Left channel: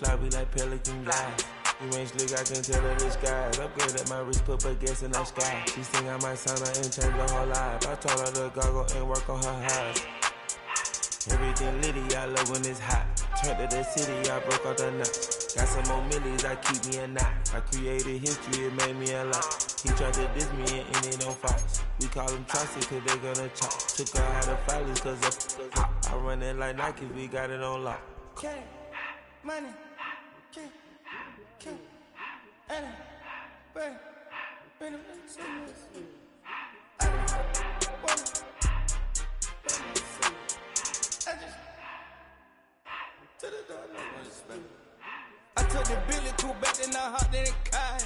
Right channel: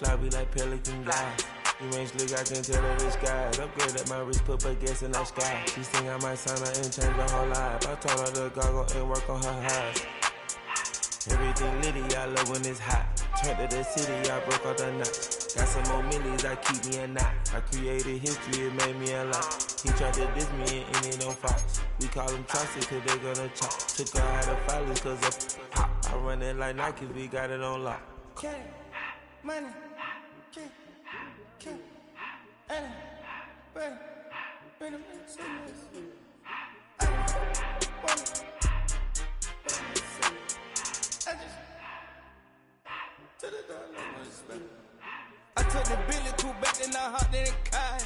fly, we like pelican guys. You ain't slick, I can tell her the skies. Upgrade at my wrist, put baguettes in the sky. She think I might sign her and change her whole life. I told her to goggle and work on her highs. Everything litty, I love when it's hot. Turned to the city, I broke out the nuts. Got some more millies, I keep me a knot. I created history, it made me a lot. He tried to diss me and it on Fox. We call them Chaucer cause they gonna chop. Took her out of filers cause of pop. I run it like Nike, we got it on lock. Okay, money, okay, Anna, bring them in, say this. I just to the door, no more respect. I took the Billy cool back, then I hopped in the car.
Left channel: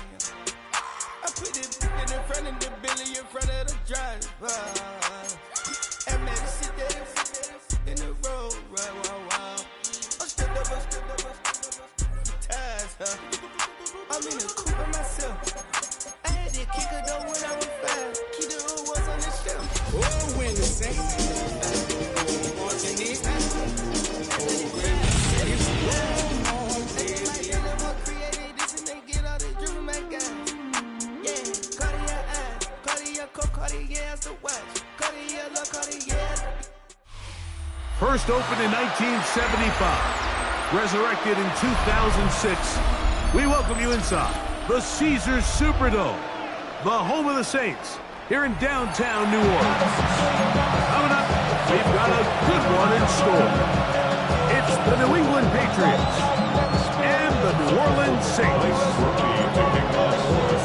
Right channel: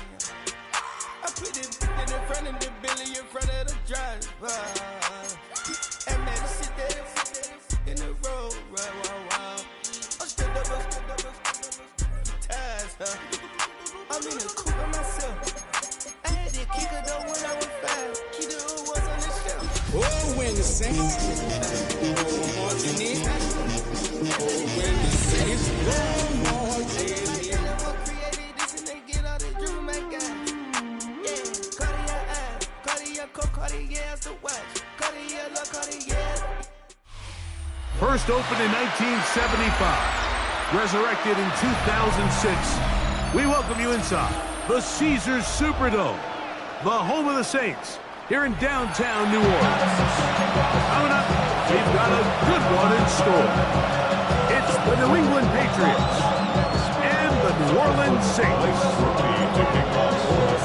I put the in front of the Billy in front of the driver. And made it sit there in the road, right, wow. I'm still up, ties, huh? I'm in the coupe by myself. I had to kick her though when I was 5. Keep the old ones on the shelf. Oh, when the Saints marching in. Oh, when the Saints created this and they get all this driven my guys. Yeah, Cartier eyes, Cartier coat, Cartier's the watch. Cartier look, Cartier. First opened in 1975, resurrected in 2006. We welcome you inside the Caesars Superdome, the home of the Saints, here in downtown New Orleans. Coming up, we've got a good one in store. It's the New England Patriots and the New Orleans Saints.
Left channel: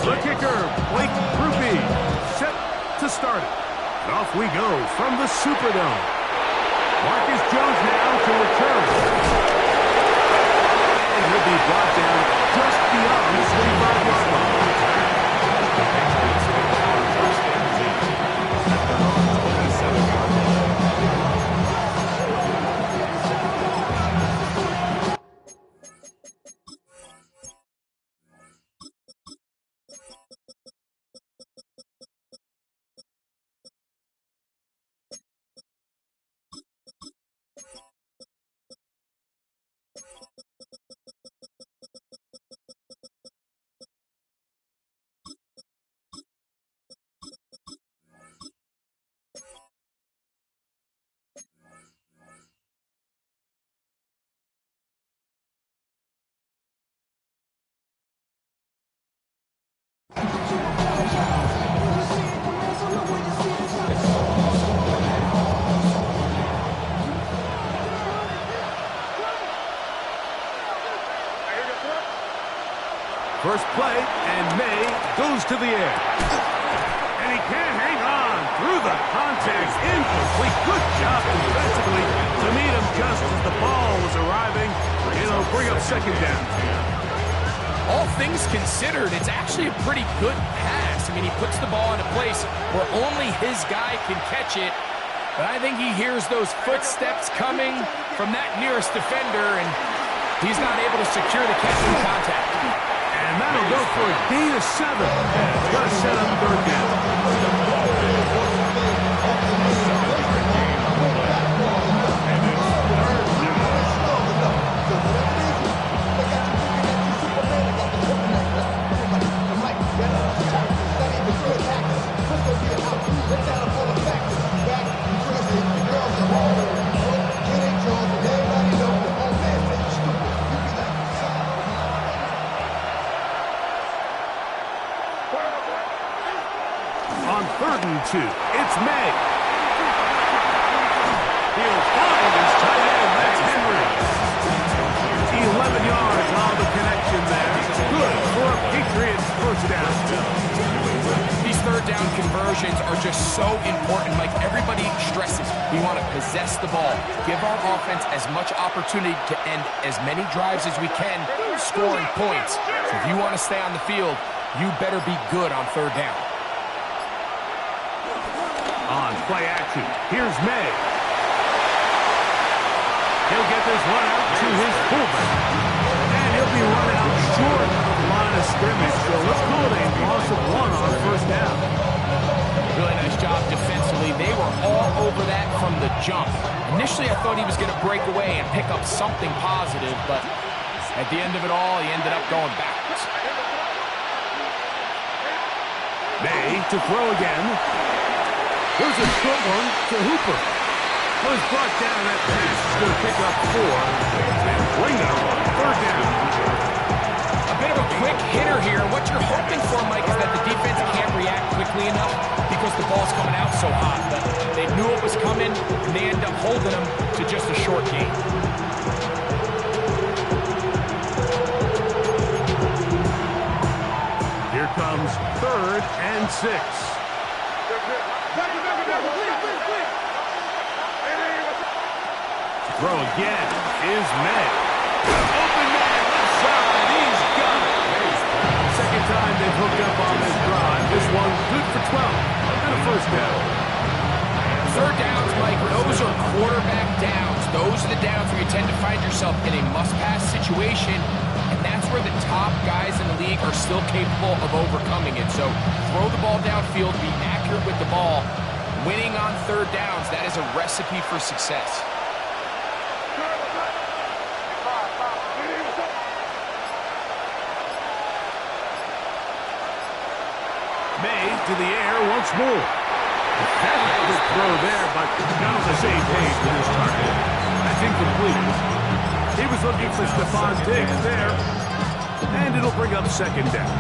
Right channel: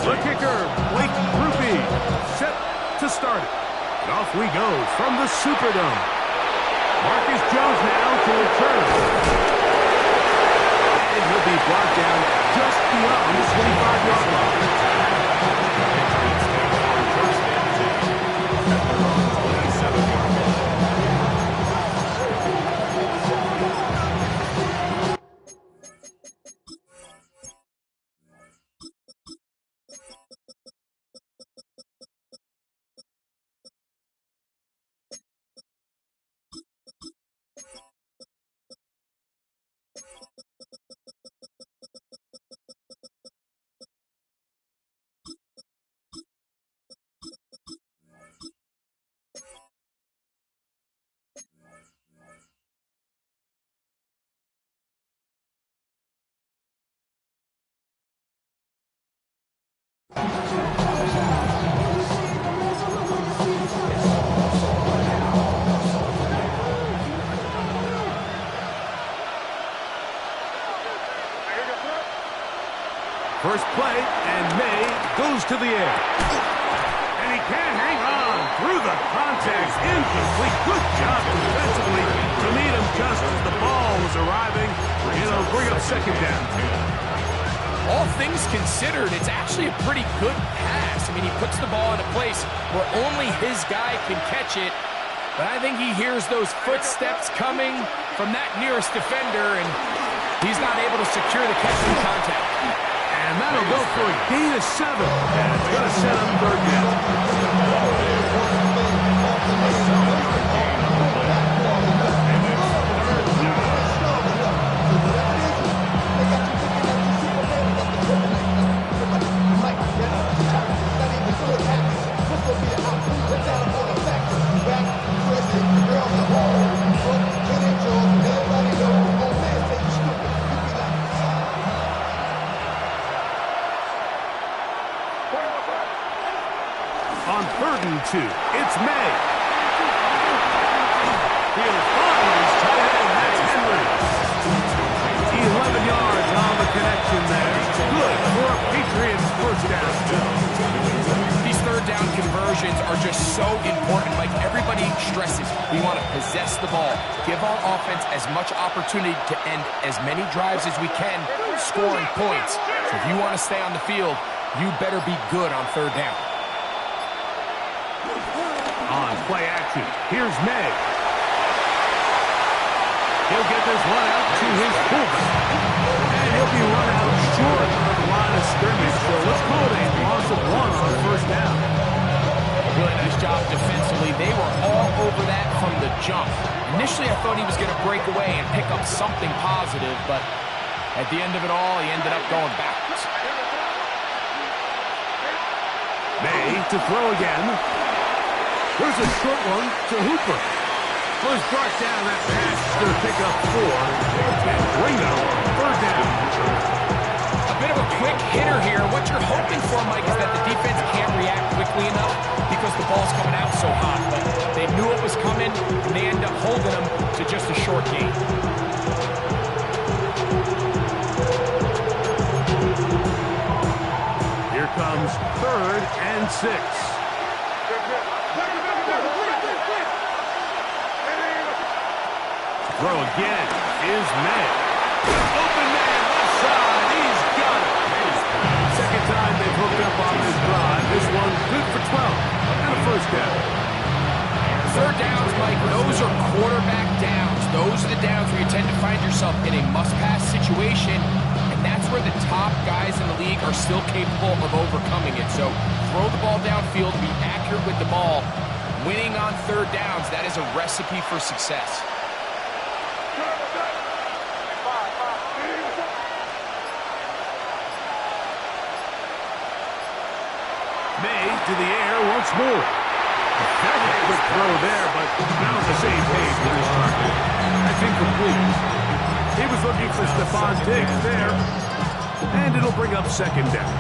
The kicker, Blake Grupe, set to start it. And off we go from the Superdome. Marcus Jones now to return. And he'll be brought down just beyond the 25-yard line. The Patriots take on first and 10 at their own 27-yard line. First play, and May goes to the air. And he can't hang on through the contact. Incomplete. Good job defensively to meet him just as the ball was arriving. It'll bring up second down. All things considered, it's actually a pretty good pass. I mean, he puts the ball in a place where only his guy can catch it. But I think he hears those footsteps coming from that nearest defender, and he's not able to secure the catch in contact. And that'll go for a gain of 7. And it's going to set up third down. On 3rd and 2, it's May. He'll find his tight end, that's Henry. 11 yards on the connection there. Good for a Patriots first down. These third down conversions are just so important. Like everybody stresses, we want to possess the ball, give our offense as much opportunity to end as many drives as we can, scoring points. So if you want to stay on the field, you better be good on third down. On play action, here's May. He'll get this one out to his fullback. And he'll be run out short of the line of scrimmage. So let's call it a loss of 1 on first down. Really nice job defensively. They were all over that from the jump. Initially, I thought he was going to break away and pick up something positive, but At the end of it all, he ended up going backwards. May to throw again. There's a short one to Hooper. Well, he's brought down. That pass is going to pick up 4 and bring up 3rd down. A bit of a quick hitter here. What you're hoping for, Mike, is that the defense can't react quickly enough because the ball's coming out so hot. But they knew it was coming, and they end up holding them to just a short gain. Here comes 3rd and 6. Throw again is May. Open man, left side, he's got it. Second time they've hooked up on this drive. This one good for 12 and a 1st down. 3rd downs, Mike, those are quarterback downs. Those are the downs where you tend to find yourself in a must-pass situation, and that's where the top guys in the league are still capable of overcoming it. So throw the ball downfield, be accurate with the ball. Winning on 3rd downs, that is a recipe for success. May to the air once more. That's a good throw there, but not on the same page with this target. That's incomplete. He was looking for Stephon Diggs there, and it'll bring up 2nd down.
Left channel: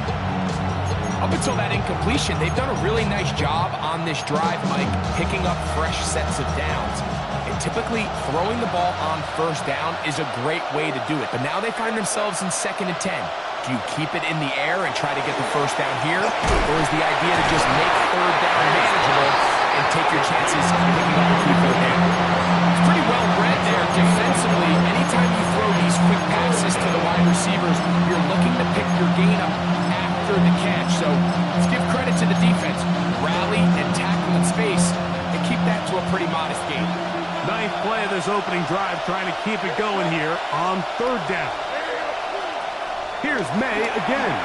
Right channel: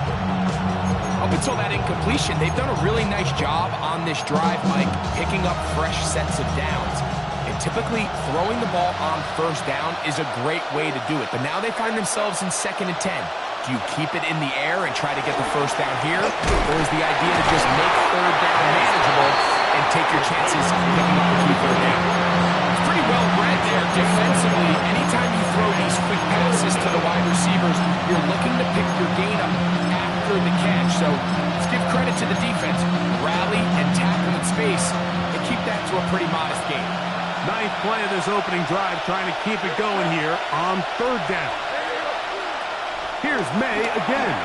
Up until that incompletion, they've done a really nice job on this drive, Mike, picking up fresh sets of downs. And typically, throwing the ball on 1st down is a great way to do it. But now they find themselves in 2nd and 10. Do you keep it in the air and try to get the 1st down here? Or is the idea to just make 3rd down manageable and take your chances picking up a key 3rd down? It's pretty well read there defensively. Anytime you throw these quick passes to the wide receivers, you're looking to pick your gain up after the catch. So let's give credit to the defense. Rally and tackle in space and keep that to a pretty modest gain. 9th play of this opening drive, trying to keep it going here on 3rd down. Here's May again.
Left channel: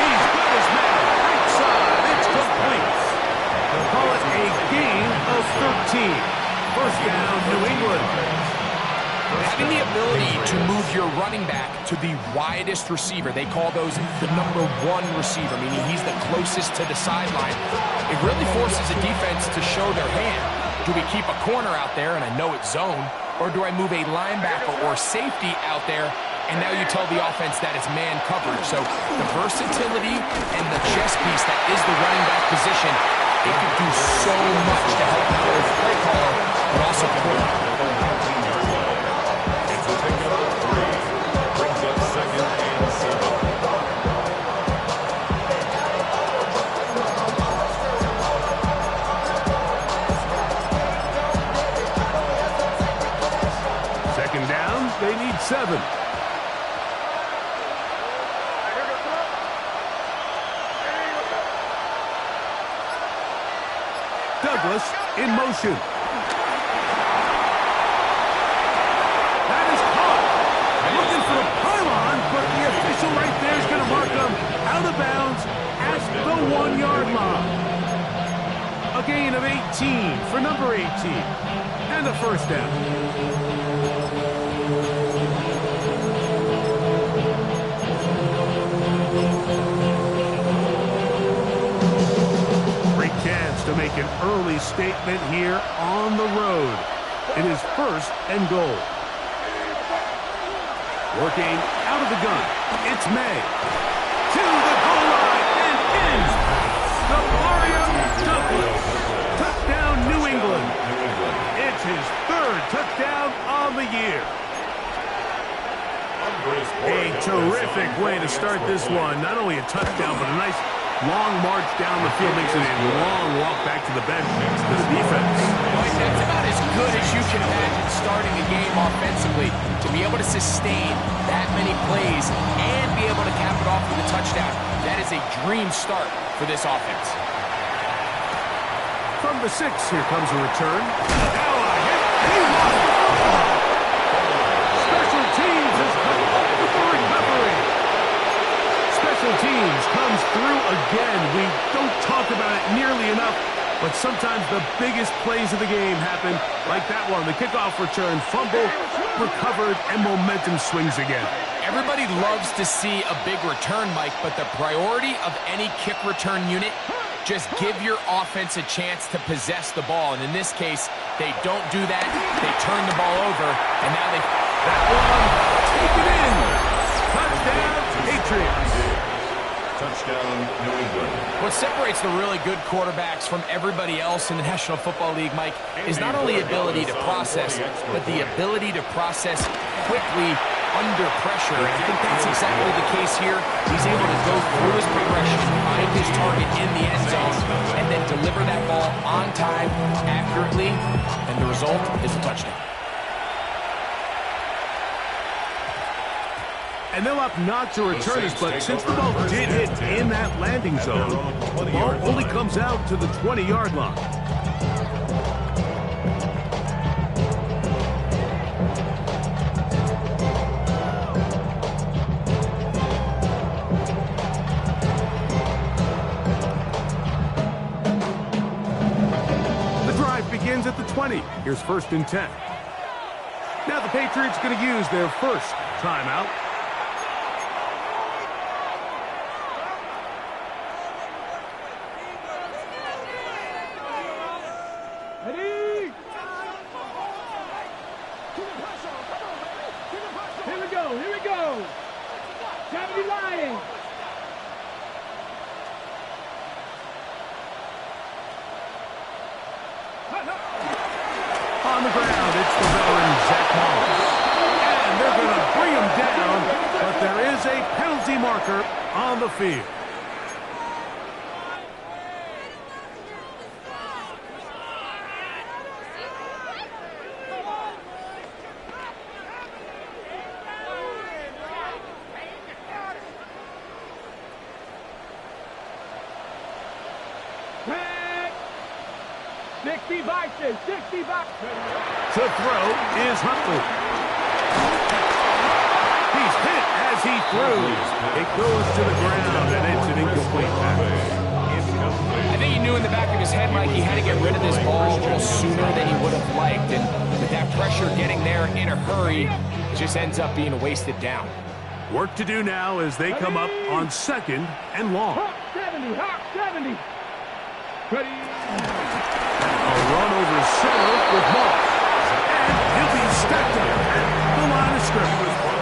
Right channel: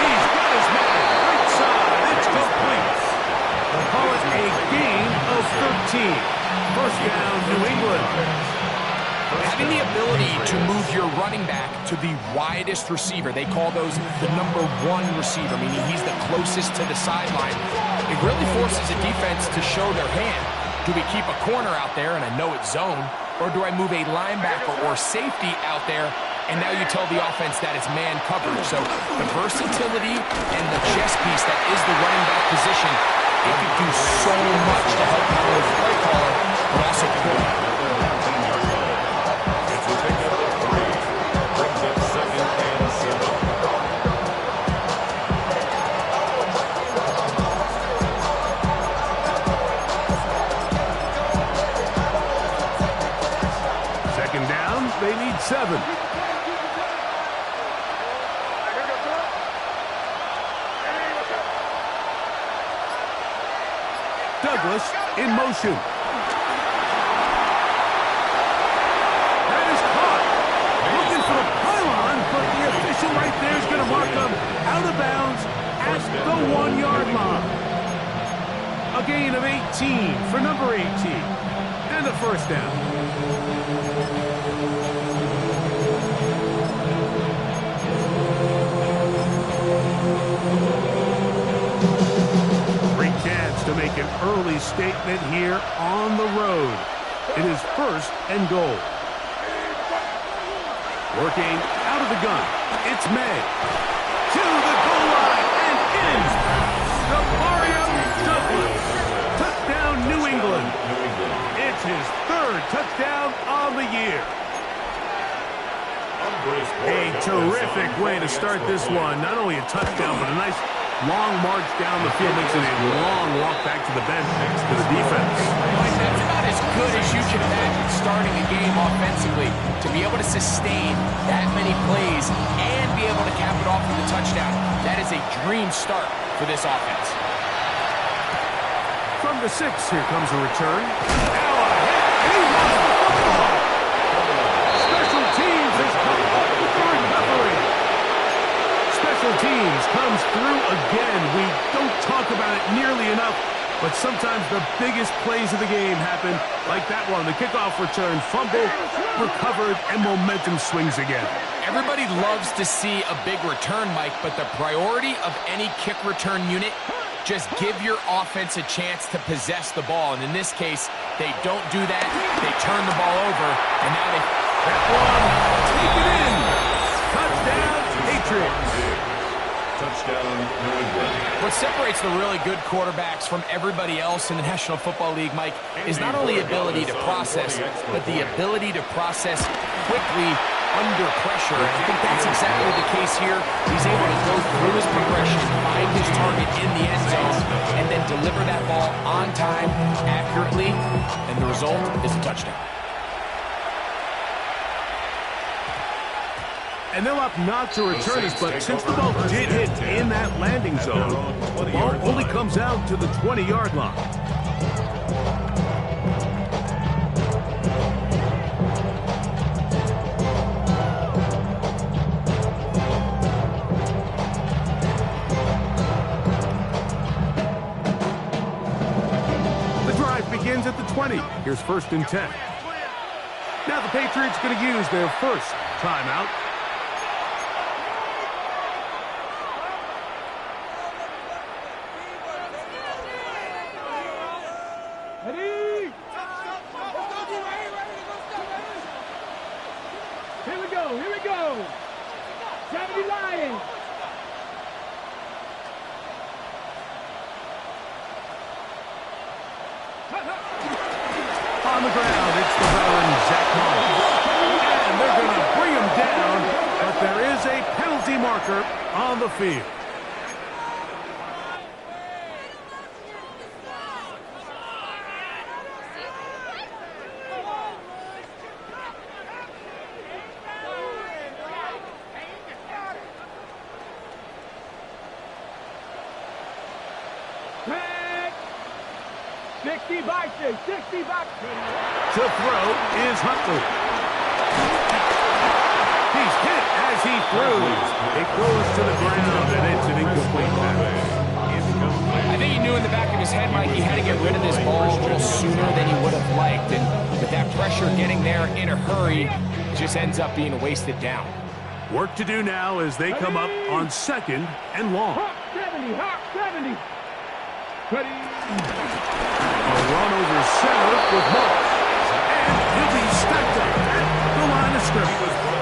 He's got his man. Right side. It's complete. They'll call it a gain of 13. 1st down, New England. Having the ability to move your running back to the widest receiver, they call those the number 1 receiver, meaning he's the closest to the sideline. It really forces a defense to show their hand. Do we keep a corner out there, and I know it's zone, or do I move a linebacker or safety out there, and now you tell the offense that it's man coverage? So the versatility and the chess piece that is the running back position, it could do so much to help not only the play caller, but also the quarterback. It's a pickup of 3. Brings up 2nd and 7. Second down, they need 7. Douglas in motion. That is caught. Looking for the pylon, but the official right there is going to mark him out of bounds at the 1-yard line. A gain of 18 for number 18. And a 1st down. Chance to make an early statement here on the road. It is 1st and goal. Working out of the gun. It's May. To the goal line and in. Demario Douglas. Touchdown, New England. It's his 3rd touchdown on the year. A terrific way to start this one. Not only a touchdown, but a nice long march down the field, makes it a long walk back to the bench next to the defense. Mike, that's about as good as you can imagine starting a game offensively. To be able to sustain that many plays and be able to cap it off with a touchdown, that is a dream start for this offense. From the 6, here comes a return. Now a hit, and he lost the football. Special teams has come up with the recovery. Special teams comes through again. We don't talk about it nearly enough, But sometimes the biggest plays of the game happen like that one. The kickoff return, fumble, recovered, and momentum swings again. Everybody loves to see a big return, Mike, but the priority of any kick return unit, just give your offense a chance to possess the ball. And in this case, they don't do that. They turn the ball over, and now they... That one, take it in. Touchdown, Patriots. Touchdown, New England. What separates the really good quarterbacks from everybody else in the National Football League, Mike, is not only ability to process, but the ability to process quickly under pressure. And I think that's exactly the case here. He's able to go through his progression, find his target in the end zone, and then deliver that ball on time, accurately, and the result is a touchdown. And they'll opt not to return this, but since the ball did hit in that landing zone, the ball only comes out to the 20-yard line. The drive begins at the 20. Here's 1st and 10. Now the Patriots going to use their first timeout. Here we go. 70 Lions. On the ground, it's the veteran Zach Moss. And they're going to bring him down, but there is a penalty marker on the field. Back. 60 boxes. 60 boxes. To throw is Huntley. He's hit as he threw. It goes to the ground, and it's an incomplete pass. I think he knew in the back of his head, Mike, he had to get rid of this ball a little sooner than he would have liked. And with that pressure getting there in a hurry, it just ends up being a wasted down. Work to do now as they come up on 2nd and long. Hawk 70. Hawk 70. Ready. A run over center with Moss. And he'll be stacked up at the line of scrimmage.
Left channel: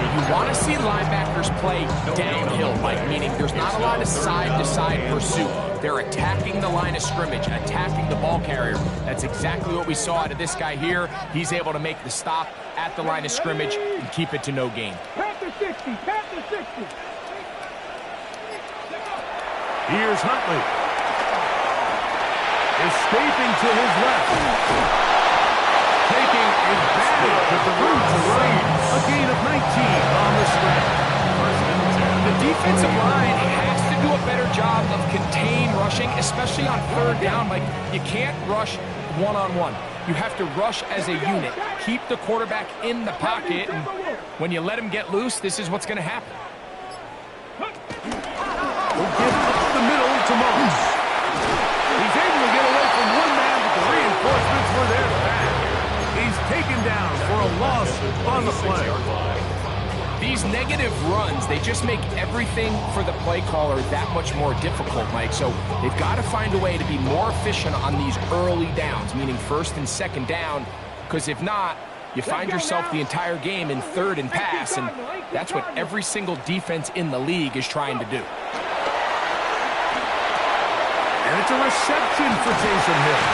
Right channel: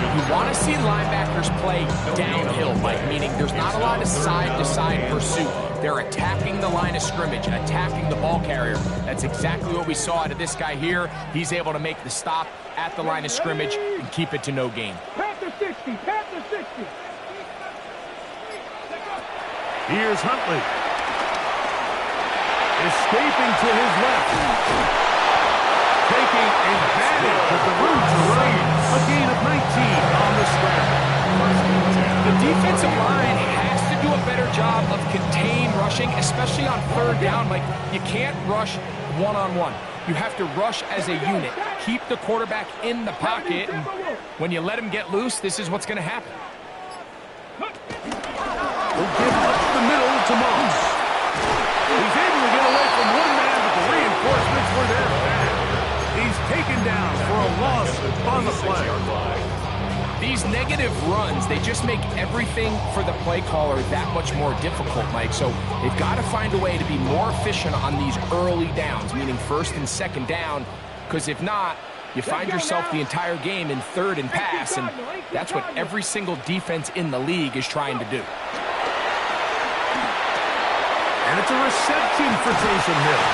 You want to see linebackers play downhill, Mike, meaning there's not a lot of side-to-side pursuit. They're attacking the line of scrimmage, attacking the ball carrier. That's exactly what we saw out of this guy here. He's able to make the stop at the line of scrimmage and keep it to no gain. Panther 60. Panther 60. Here's Huntley. Escaping to his left. Taking advantage of the room to run. A gain of 19 on the scramble. The defensive line has to do a better job of contain rushing, especially on 3rd down. Like, you can't rush one-on-one. You have to rush as a unit. Keep the quarterback in the pocket, and when you let him get loose, this is what's going to happen. We'll give up the middle to Moss. He's able to get away from one man, but the reinforcements were there fast. He's taken down for a loss on the play. These negative runs, they just make everything for the play caller that much more difficult, Mike. So they've got to find a way to be more efficient on these early downs, meaning 1st and 2nd down, because if not, you find yourself the entire game in 3rd and pass, and that's what every single defense in the league is trying to do. And it's a reception for Taysom Hill.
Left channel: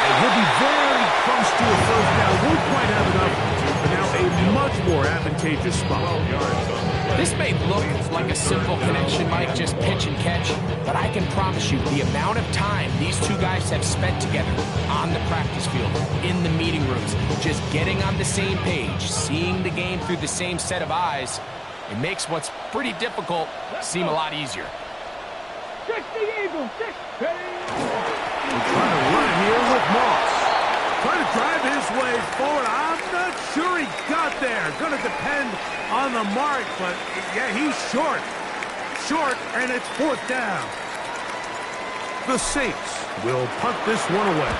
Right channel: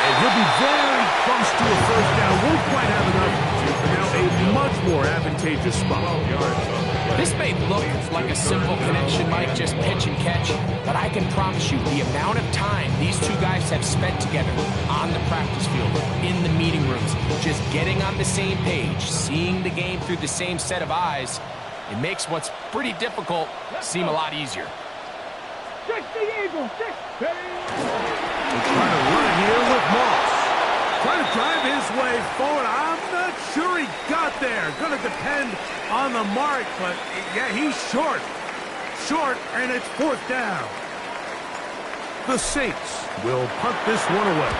And he'll be very close to a 1st down. Won't quite have enough, but now a much more advantageous spot. This may look like a simple connection, Mike, just pitch and catch, but I can promise you the amount of time these two guys have spent together on the practice field, in the meeting rooms, just getting on the same page, seeing the game through the same set of eyes, it makes what's pretty difficult seem a lot easier. 60 Eagles. 60. We're trying to run it here with Moss. Trying to drive his way forward. I'm not sure he got there. Going to depend on the mark, but yeah, he's short. Short, and it's 4th down. The Saints will punt this one away.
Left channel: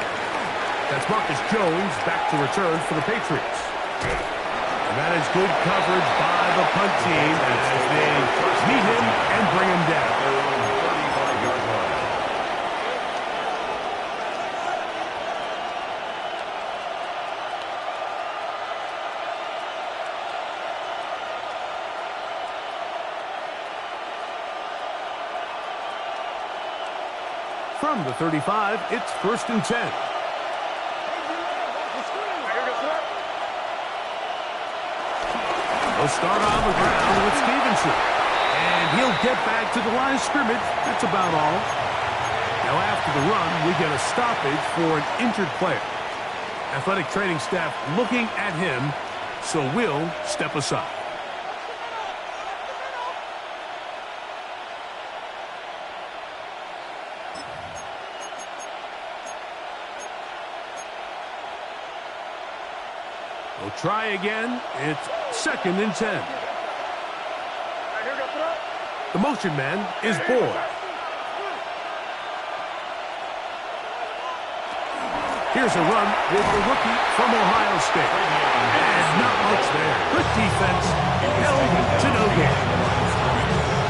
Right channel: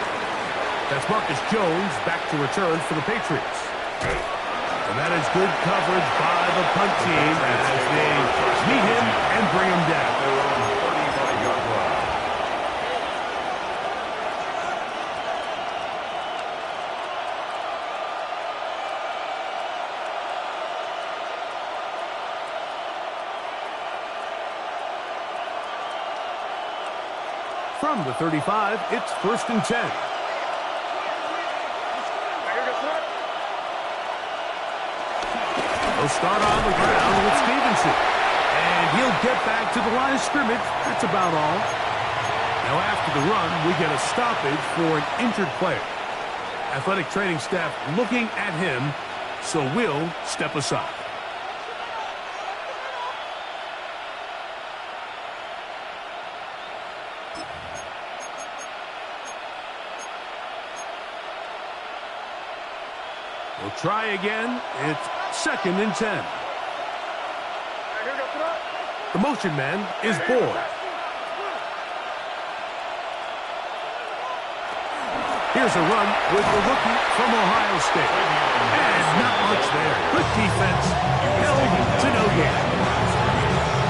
That's Marcus Jones back to return for the Patriots. And that is good coverage by the punt team as they meet him and bring him down. Their own 35-yard line. From the 35, it's 1st and 10. They'll start on the ground with Stevenson. And he'll get back to the line of scrimmage. That's about all. Now after the run, we get a stoppage for an injured player. Athletic training staff looking at him, so we'll step aside. We'll try again. It's 2nd and 10. The motion man is Boyd. Here's a run with the rookie from Ohio State. And not much there. Good defense. Held to no gain.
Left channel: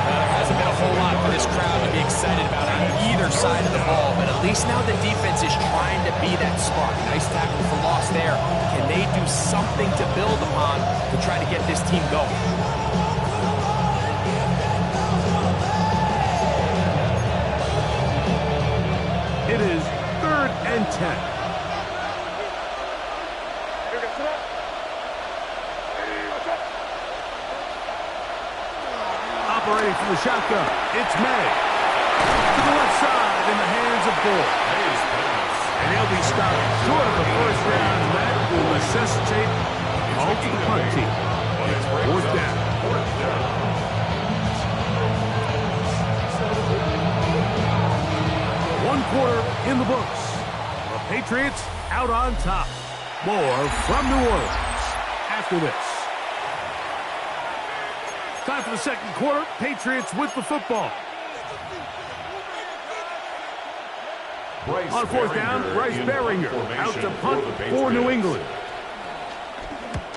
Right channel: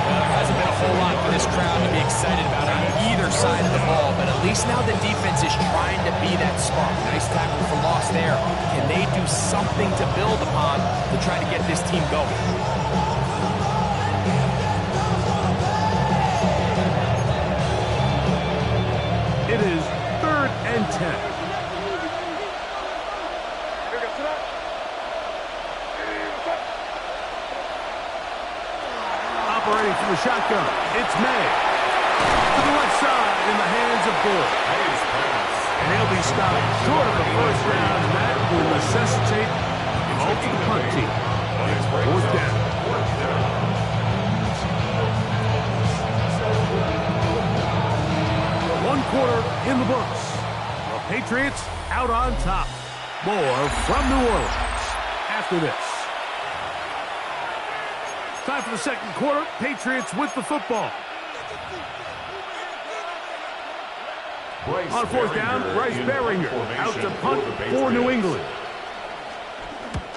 Well, there hasn't been a whole lot for this crowd to be excited about on either side of the ball, but at least now the defense is trying to be that spark. Nice tackle for loss there. Can they do something to build upon to try to get this team going? It is 3rd and 10. Operating from the shotgun, it's May. To the left side in the hands of Boyd. And he'll be stopped short of the first down, and that will necessitate a call to the punt team. 4th down. 1 quarter in the books. The Patriots out on top. More from New Orleans after this. Time for the 2nd quarter. Patriots with the football. On 4th down, Bryce Baringer out to punt for New England.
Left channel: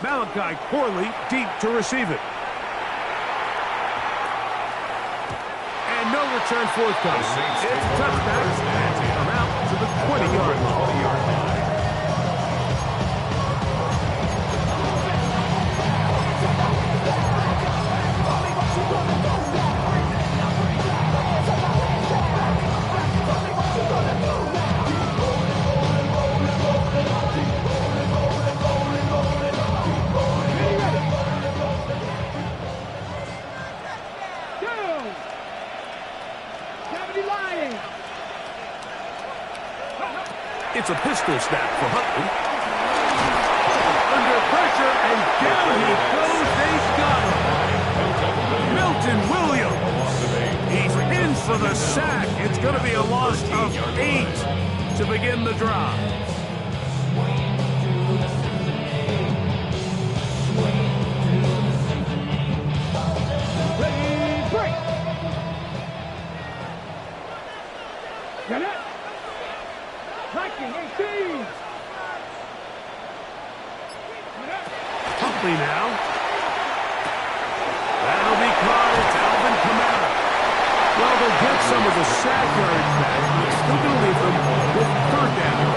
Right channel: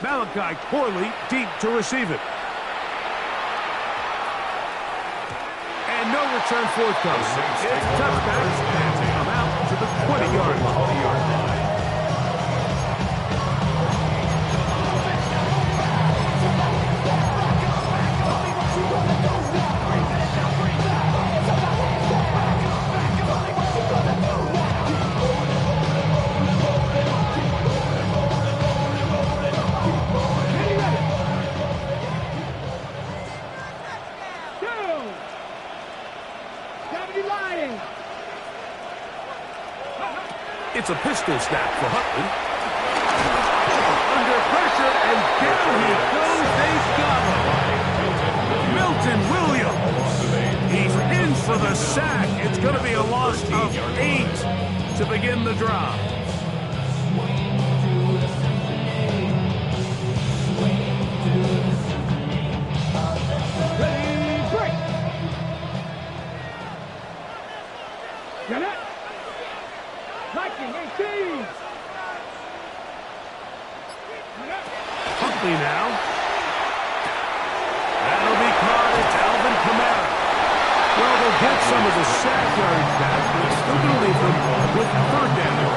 Malachi Corley deep to receive it. And no return forthcoming. It's a touchback and come out to the 20-yard line. It's a pistol snap for Huntley. Under pressure, and down he goes. They've got him. Milton Williams. He's in for the sack. It's going to be a loss of 8 to begin the drive. Ready, break. Get it. Liking 18. Huntley now. That'll be caught. It's Alvin Kamara. Well, they'll get some of the sack yardage back, but it's still going to leave them with 3rd down.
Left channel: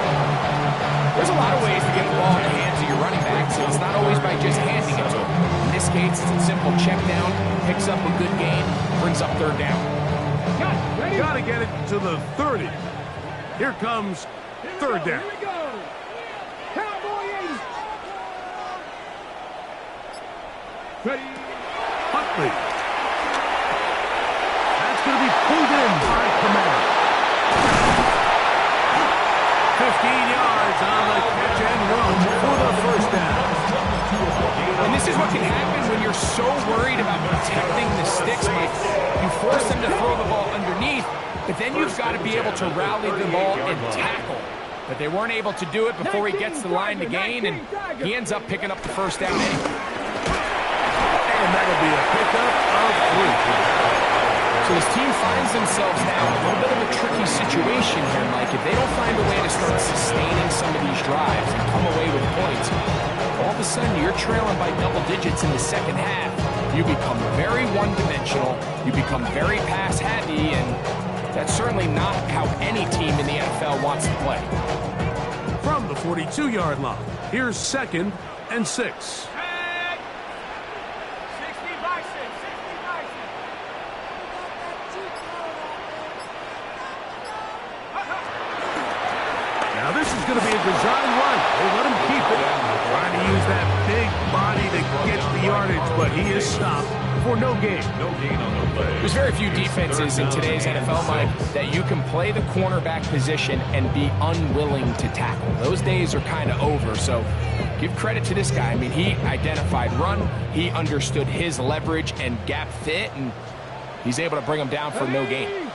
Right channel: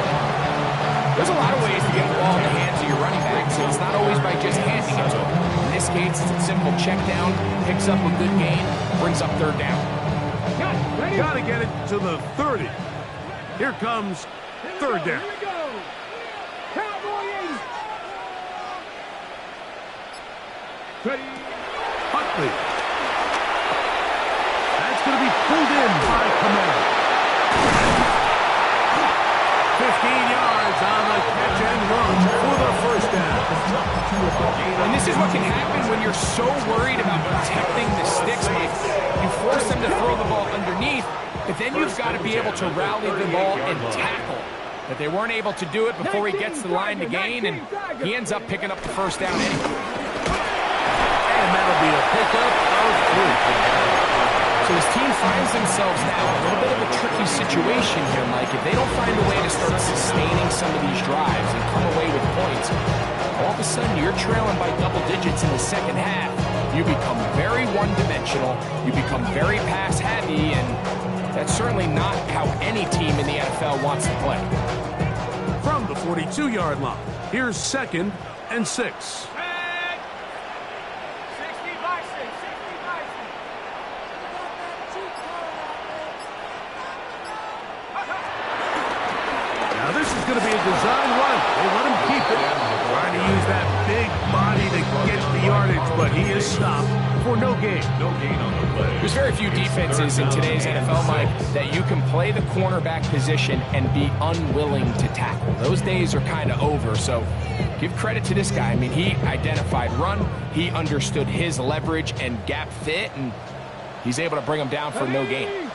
There's a lot of ways to get the ball in the hands of your running back, so it's not always by just handing it to him. In this case, it's a simple check down, picks up a good gain, brings up 3rd down. Got to get it to the 30. Here comes 3rd down. Here we go. Cowboy 80. Ready. Huntley. That's going to be pulled in by Kamara. 15 yards on the catch and run for the 1st down. And this is what can happen when you're so worried about protecting the sticks, Mike. You force them to throw the ball underneath, but then you've got to be able to rally the ball and tackle. But they weren't able to do it before he gets the line to gain, and he ends up picking up the 1st down anyway. And that'll be a pickup of 3. So this team finds themselves now in a little bit of a tricky situation here, Mike. If they don't find a way to start sustaining some of these drives and come away with points, all of a sudden you're trailing by double digits in the second half. You become very one-dimensional, you become very pass-heavy, and that's certainly not how any team in the NFL wants to play. From the 42-yard line, here's 2nd and 6. Now this is going to be a design run. They let him keep it. Trying to use that big body to get the yardage, but he is stopped for no gain. No gain on the play. There's very few defenses in today's NFL, Mike, that you can play the cornerback position and be unwilling to tackle. Those days are kind of over, so give credit to this guy. I mean, he identified run, he understood his leverage and gap fit, and he's able to bring him down for no gain.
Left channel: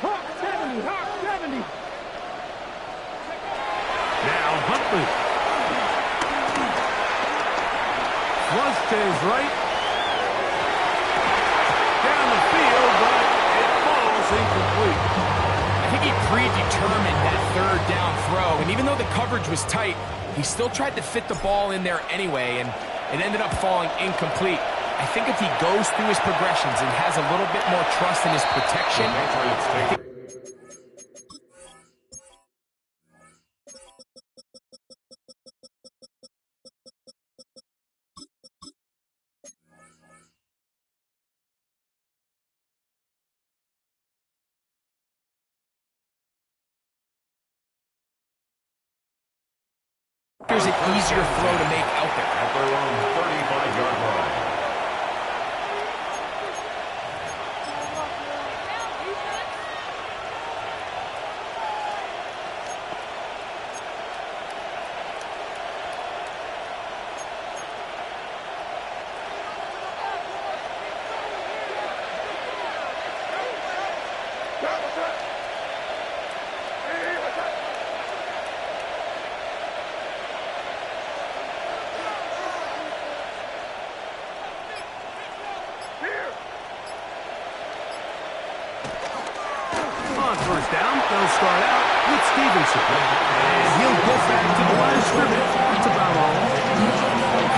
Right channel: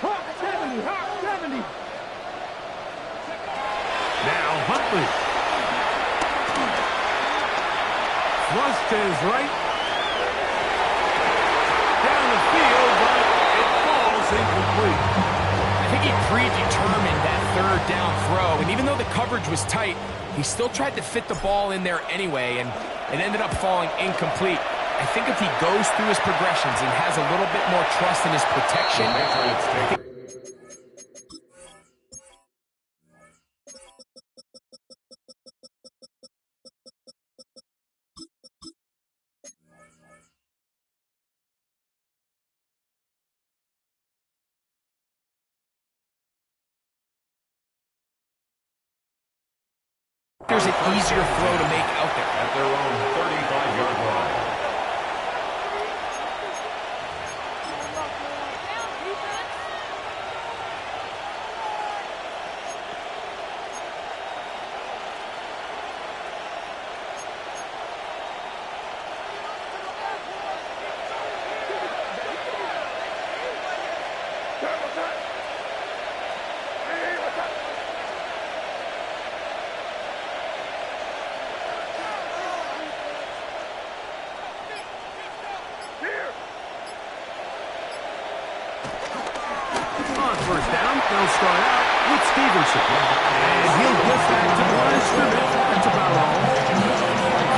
Hawk 70, Hawk 70. Now Huntley. Flush to his right. Down the field, but it falls incomplete. I think he predetermined that third down throw, and even though the coverage was tight, he still tried to fit the ball in there anyway, and it ended up falling incomplete. I think if he goes through his progressions and has a little bit more trust in his protection, there's an easier throw to make out there. At their own 35-yard line. First down, they'll start out with Stevenson. And he'll get back to the line of scrimmage. That's about all.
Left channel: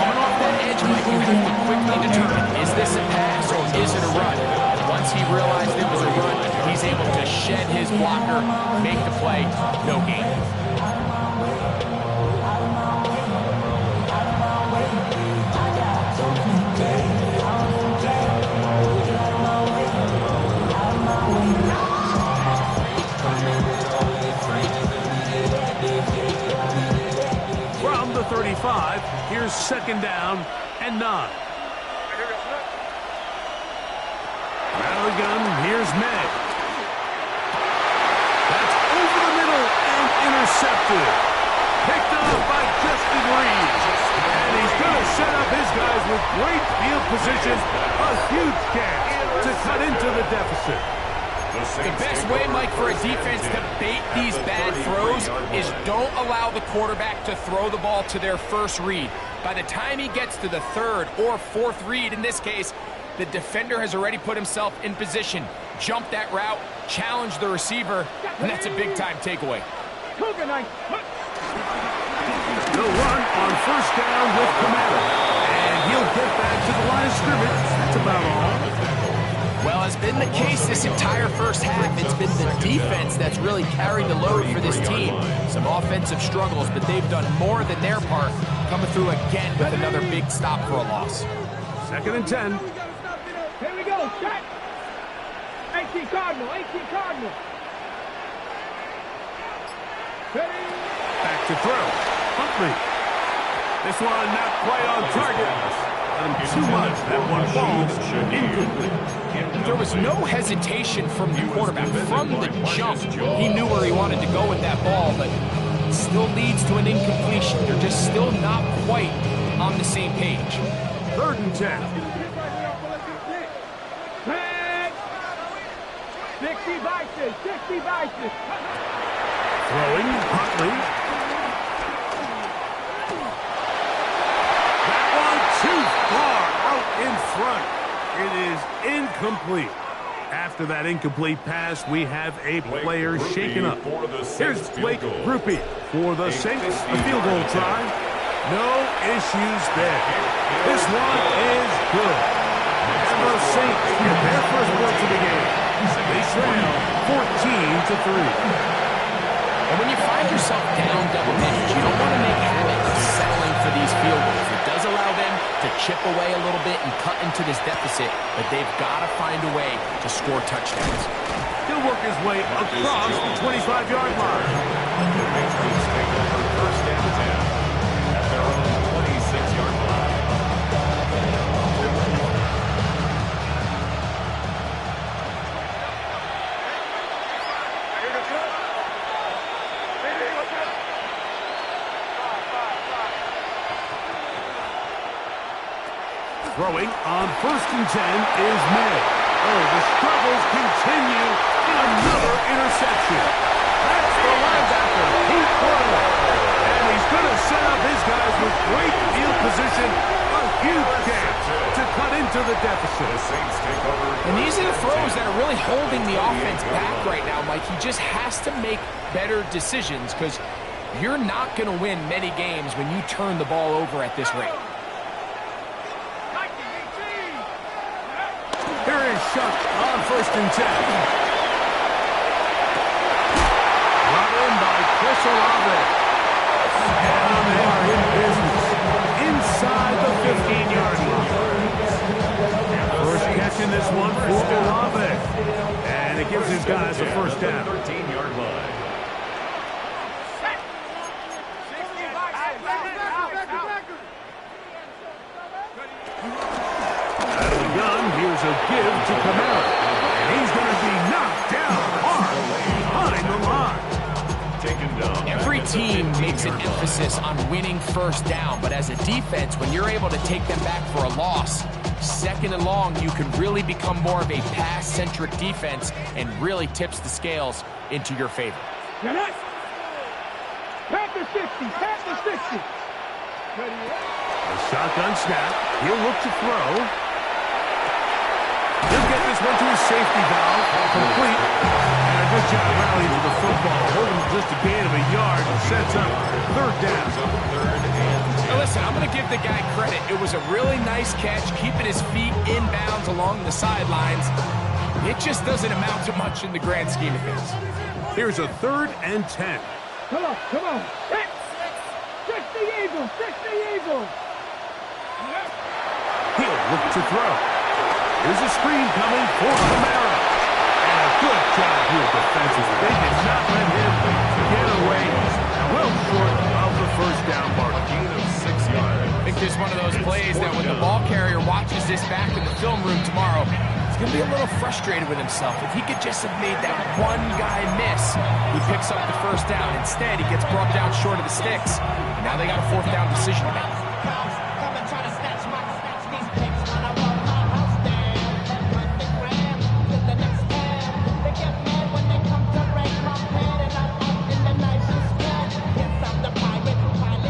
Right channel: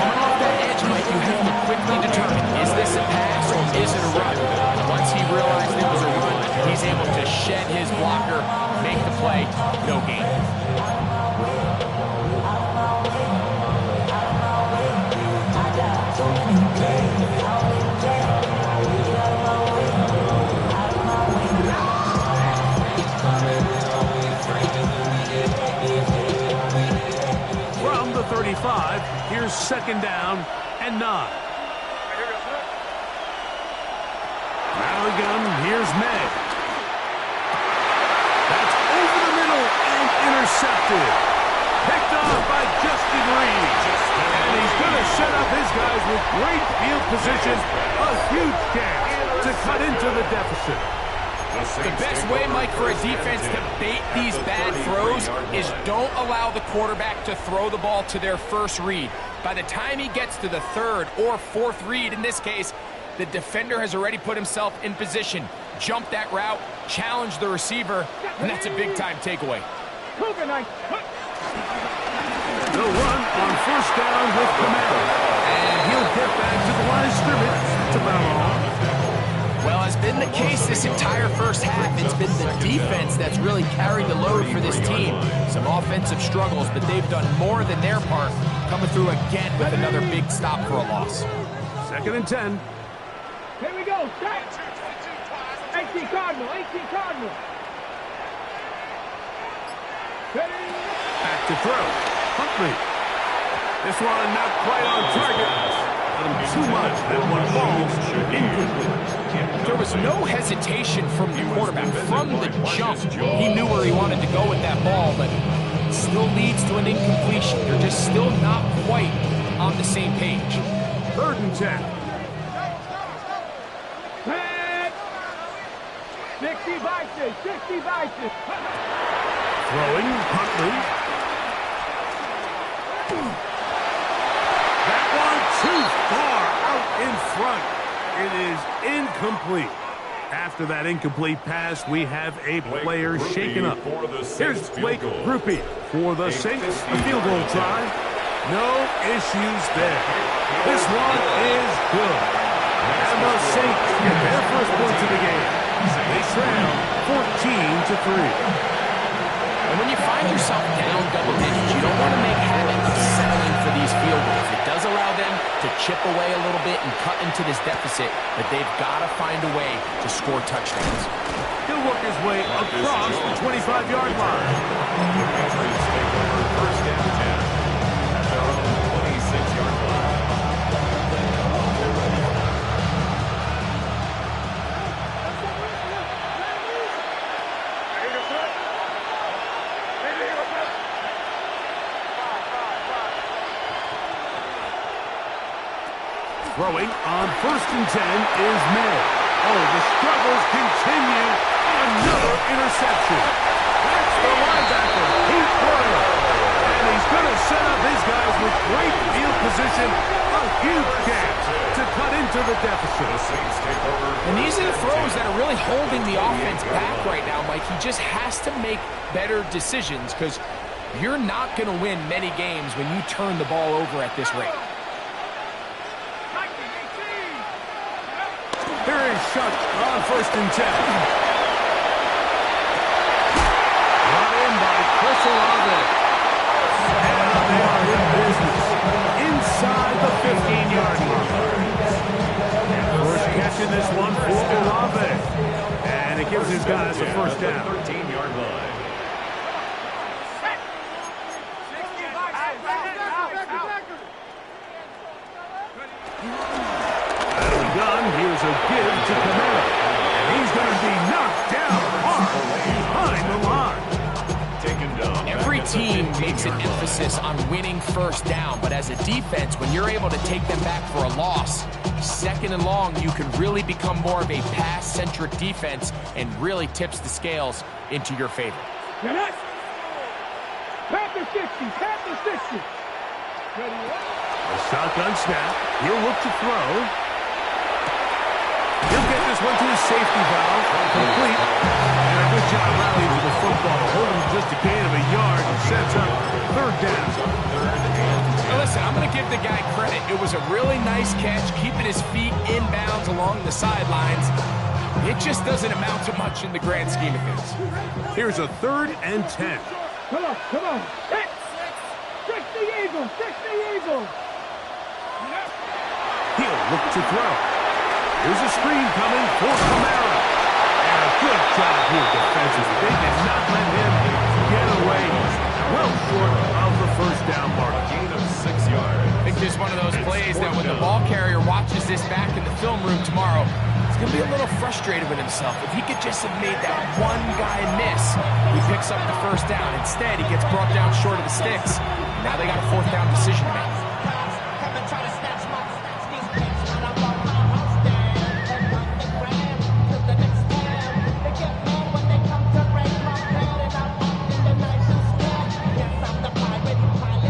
Coming off that edge, Mike, you have to quickly determine, is this a pass or is it a run? And once he realized it was a run, he's able to shed his blocker, make the play, no gain. From the 35, here's 2nd down and 9. Out of the gun, here's May. That's over the middle and intercepted. Picked off by Justin Reed. And he's going to set up his guys with great field position. A huge chance to cut into the deficit. The best way, Mike, for a defense to bait these bad throws is don't allow the quarterback to throw the ball to their first read. By the time he gets to the third or fourth read, in this case, the defender has already put himself in position, jump that route, challenge the receiver, and that's a big-time takeaway. The run on first down with Kamara. And he'll get back to the line of scrimmage. That's about all. Well, has been the case this entire first half. It's been the defense that's really carried the load for this team. Some offensive struggles, but they've done more than their part, coming through again with another big stop for a loss. 2nd and 10. Here we go, set. 18 Cardinal, 18 Cardinal. Ready? Back to throw. Huntley. This one not quite on target. Let him too much. That one falls incomplete. There was no hesitation from the quarterback. From the jump, he knew where he wanted to go with that ball, but it still leads to an incompletion. They're just still not quite on the same page. 3rd and 10. Back. 60 vices, 60 vices. Throwing, Huntley. That one too far out in front. It is incomplete. After that incomplete pass, we have a player shaken up. Here's Blake Grupe for the Saints. A field goal try. No issues there. This one is good. And the Saints get their first points of the game. They trail 14-3. And when you find yourself down double digits, you don't want to make habit of settling for these field goals. It does allow them to chip away a little bit and cut into this deficit, but they've got to find a way to score touchdowns. He'll work his way across the 25-yard line. The Patriots take over first and 10 at their own 26-yard line. Throwing on first and 10 is May. Oh, the struggles continue. Another interception. That's the linebacker, Pete Werner. And he's going to set up his guys with great field position. A huge chance to cut into the deficit. The Saints take over. And these are the throws that are really holding the offense back right now, Mike. He just has to make better decisions because you're not going to win many games when you turn the ball over at this rate. Here is Shuck on first and 10. Brought in by Chris Olave. And they are in business inside the 15-yard line. First catch in this one for Olave. And it gives his guys a first down. 13-yard line. Here's a give to Kamara. And he's going to be knocked down hard behind the line. Taken down. Every team makes an emphasis on winning first down, but as a defense, when you're able to take them back for a loss, second and long, you can really become more of a pass-centric defense and really tips the scales into your favor. Panther 60, Panther 60. Ready, a shotgun snap. He'll look to throw. He'll get this one to his safety valve, complete, and a good job rallying to the football, holding just a gain of a yard and sets up third down. Now listen, I'm going to give the guy credit. It was a really nice catch, keeping his feet inbounds along the sidelines. It just doesn't amount to much in the grand scheme of things. Here's a 3rd and 10. Come on, come on. 60 Eagles, 60 Eagles. He'll look to throw. Here's a screen coming for Kamara. And a good job here defensively. They did not let him get away. Well short of the first down mark. A gain of 6 yards. I think this is one of those plays that when the ball carrier watches this back in the film room tomorrow, he's going to be a little frustrated with himself. If he could just have made that one guy miss, he picks up the first down. Instead, he gets brought down short of the sticks. And now they got a 4th down decision to make.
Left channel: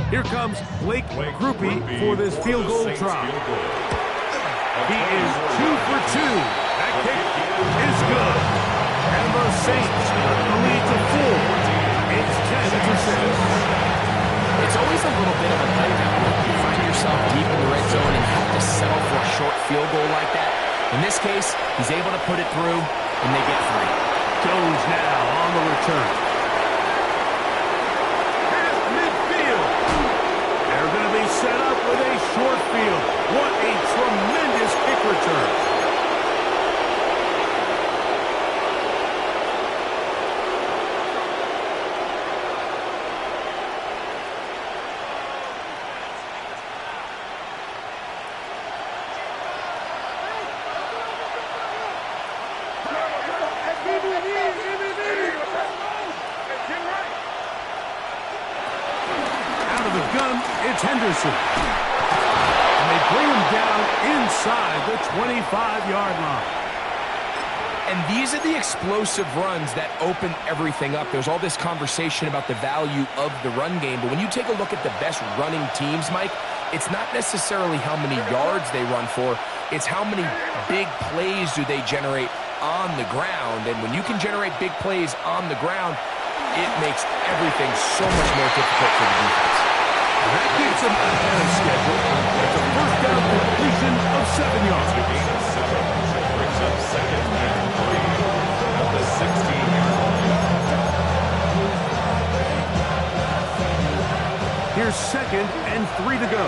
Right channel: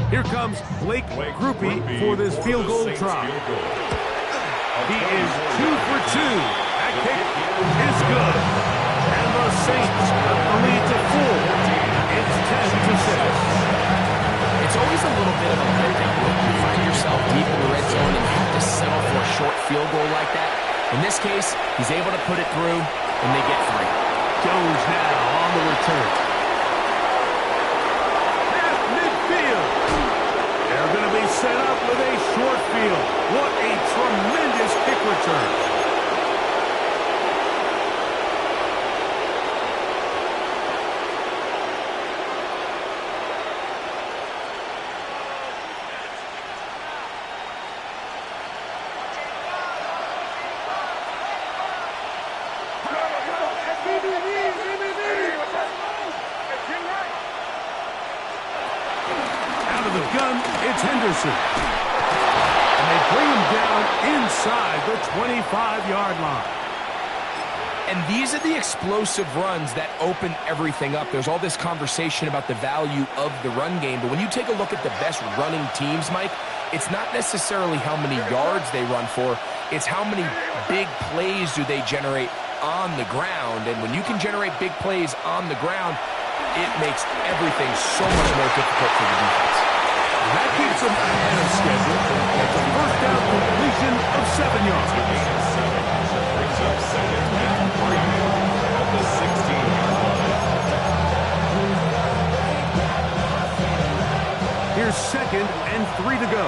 Here comes Blake Grupe for this field goal try. He is 2 for 2. That kick is good. And the Saints cut the lead to 4. It's 10-6. It's always a little bit of a letdown when you find yourself deep in the red zone and you have to settle for a short field goal like that. In this case, he's able to put it through, and they get 3. Jones now on the return. Past midfield. They're going to be set up with a short field. What a tremendous kick return. Out of the gun, it's Henderson. And they bring him down inside the 25-yard line. And these are the explosive runs that open everything up. There's all this conversation about the value of the run game, but when you take a look at the best running teams, Mike, it's not necessarily how many yards they run for, it's how many big plays do they generate on the ground. And when you can generate big plays on the ground, it makes everything so much more difficult for the defense. And that keeps them ahead of schedule. It's a first down completion of 7 yards. Gain of 7. Brings up 2nd and 3 at the 16-yard line. Here's 2nd and 3 to go.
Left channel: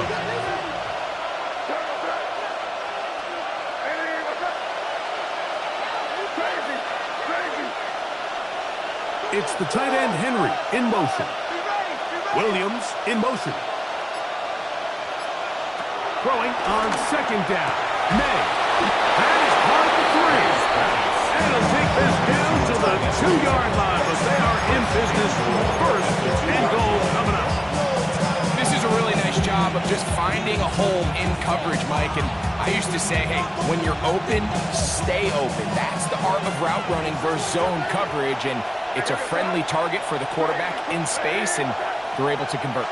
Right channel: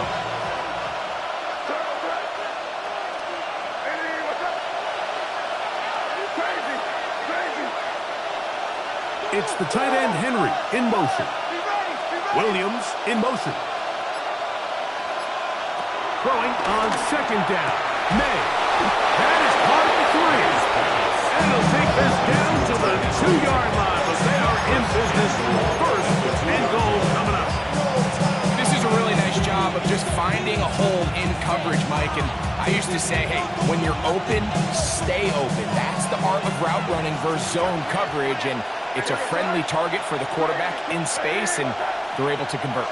It's the tight end, Henry, in motion. Williams in motion. Throwing on 2nd down. May. That is caught at the 3. And he'll take this down to the 2-yard line, but they are in business. 1st and goal coming up. This is a really nice job of just finding a hole in coverage, Mike. And I used to say, hey, when you're open, stay open. That's the art of route running versus zone coverage. And it's a friendly target for the quarterback in space, and they're able to convert.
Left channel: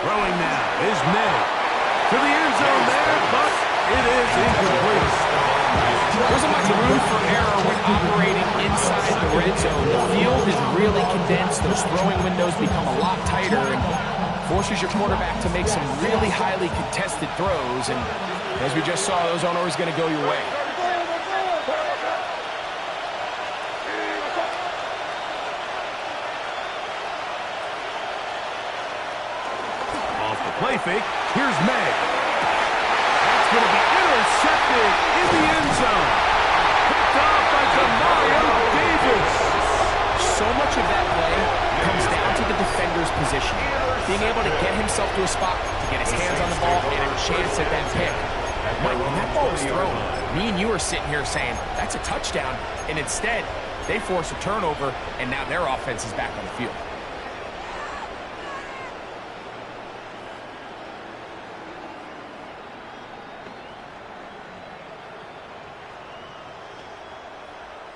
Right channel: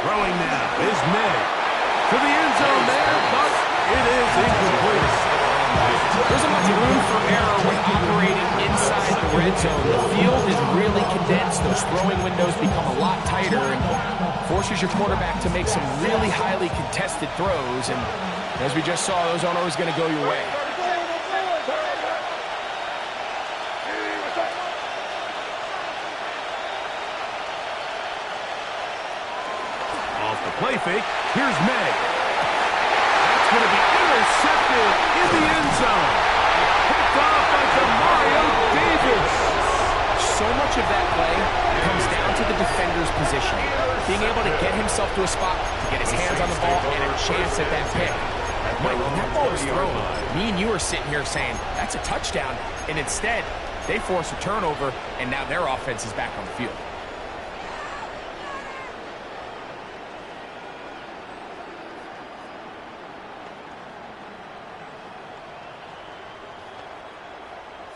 Throwing now is May. To the end zone there, but it is incomplete. There isn't much room for error when operating inside the red zone. The field is really condensed. Those throwing windows become a lot tighter and forces your quarterback to make some really highly contested throws. And as we just saw, those aren't always going to go your way. Play fake. Here's May. That's going to be intercepted in the end zone. Picked off by Demario Davis. So much of that play comes down to the defender's position. Being able to get himself to a spot, to get his hands on the ball, and a chance at that pick. Mike, when that ball was thrown, me and you are sitting here saying, that's a touchdown. And instead, they force a turnover, and now their offense is back on the field.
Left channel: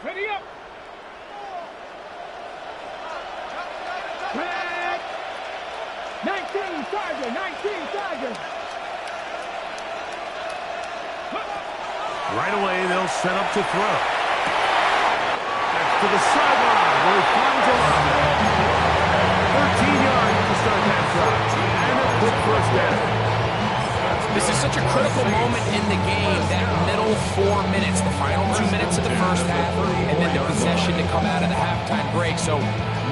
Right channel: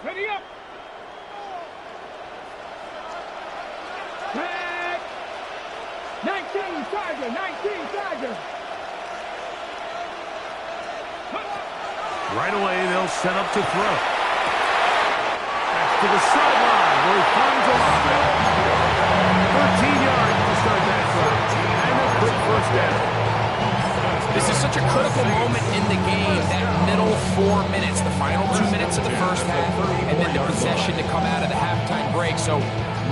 Ready up. Back. 19 Tiger, 19 Tiger. Right away, they'll set up to throw. That's to the sideline where he finds Olave. 13 yards to start that drive. And a quick first down. This is such a critical moment in the game, that middle 4 minutes, the final 2 minutes of the first half, and then the possession to come out of the halftime break. So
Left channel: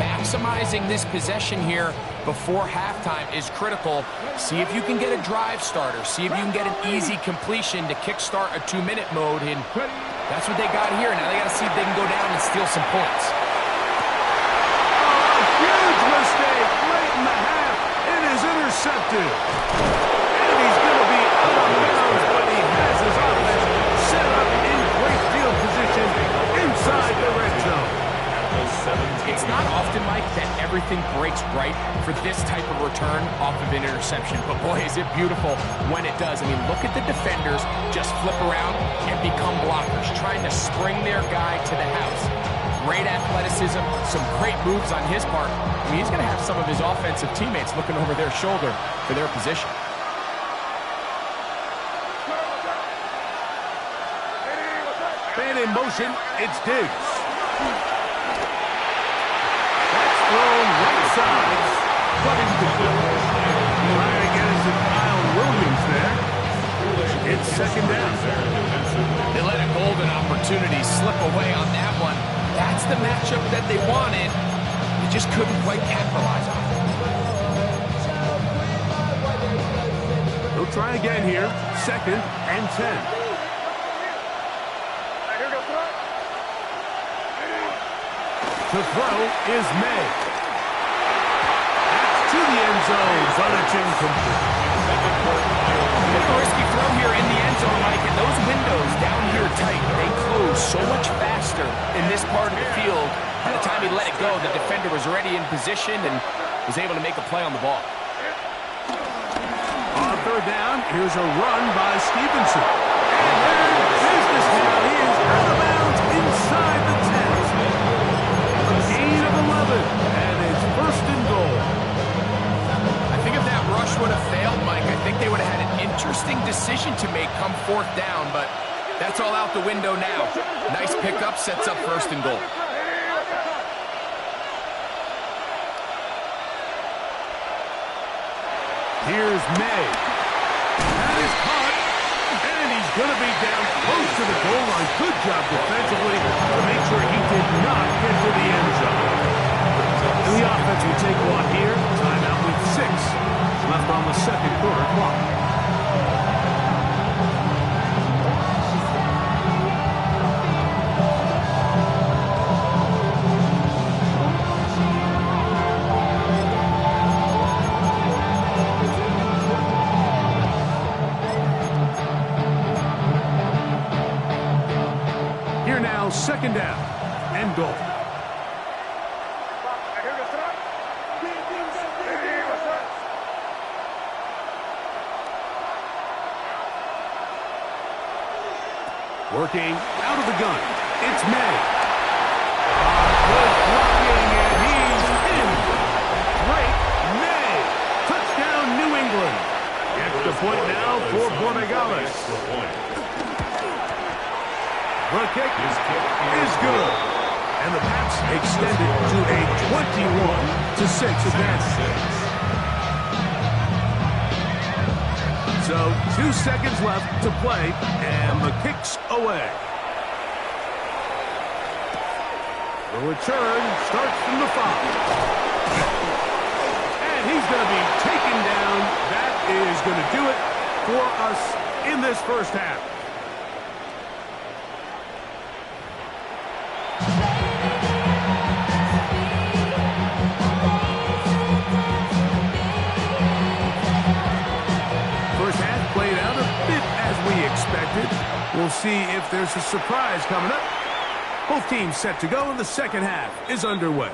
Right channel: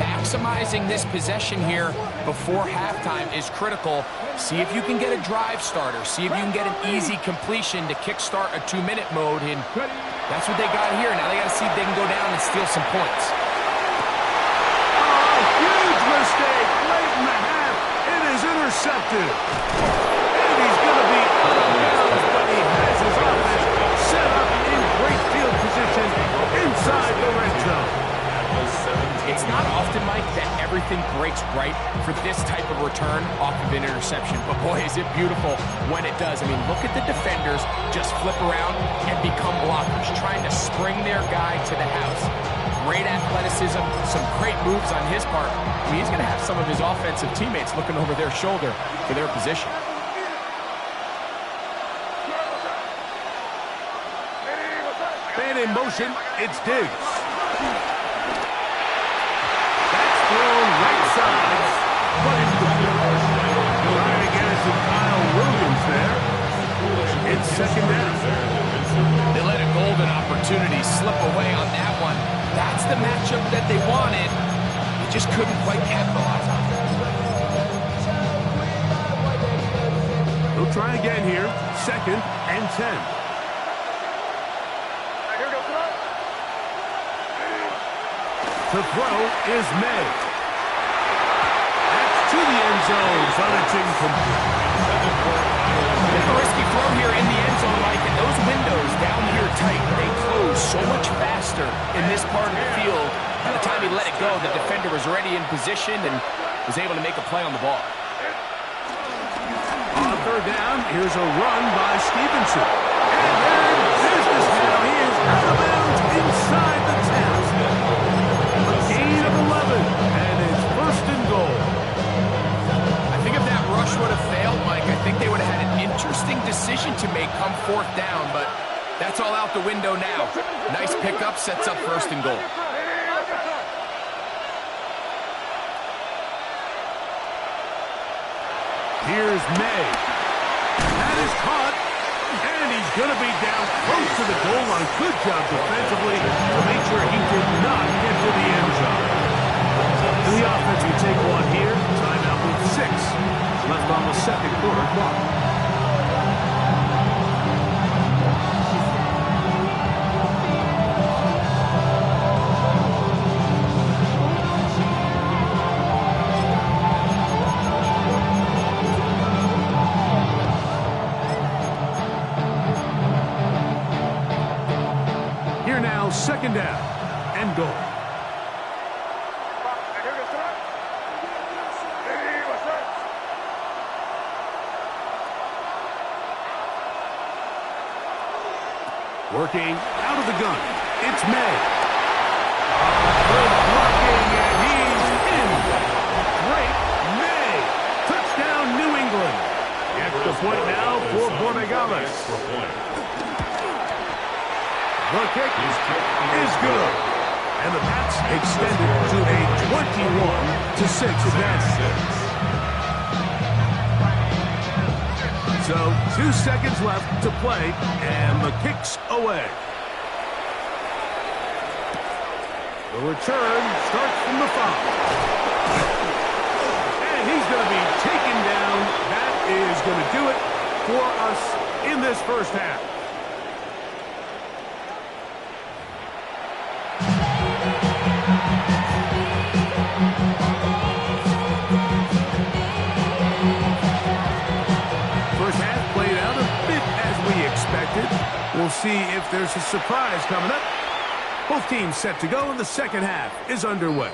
maximizing this possession here before halftime is critical. See if you can get a drive starter. See if you can get an easy completion to kickstart a 2-minute mode. And that's what they got here. Now they got to see if they can go down and steal some points. Oh, huge mistake late in the half. It is intercepted. He's going to be out of bounds, but he has his offense set up in great field position inside the red zone. It's not often, Mike, that everything breaks right for this type of return off of an interception. But boy, is it beautiful when it does. I mean, look at the defenders just flip around and become blockers, trying to spring their guy to the house. Great athleticism, some great moves on his part. I mean, he's going to have some of his offensive teammates looking over their shoulder for their position. Man in motion, it's Diggs. That's thrown right side, but it's complete. Trying to get it to Kyle Williams there. It's 2nd down. They let a golden opportunity slip away on that one. That's the matchup that they wanted. They just couldn't quite capitalize on it. They'll try again here. 2nd and 10. To throw is May. That's to the end zone, but it's incomplete. Bit of a risky throw here in the end zone, Mike, and those windows down here tight, they close so much faster in this part of the field. By the time he let it go, the defender was already in position and was able to make a play on the ball. On 3rd down, here's a run by Stevenson. And they're in business now. He is out of bounds inside the 10. Gain of 11, and it's 1st and goal. I think if that rush would have failed, Mike, I think they would have had an interesting decision to make come fourth down, but that's all out the window now. Nice pickup, sets up first and goal. Here's May. That is caught, and he's going to be down close to the goal line. Good job defensively to make sure he did not get to the end zone. And the offense will take one here. Timeout with 6 left on the second quarter clock. Here now, second down and goal. Working out of the gun. It's May. Good blocking, and he's in. Great May. Touchdown, New England. Extra point now for Borregales. The kick is good. And the Pats extend it to a 21-6 advantage. So 2 seconds left to play, and the kick's away. The return starts from the 5. And he's going to be taken down. That is going to do it for us in this first half. Expected. We'll see if there's a surprise coming up. Both teams set to go, and the second half is underway.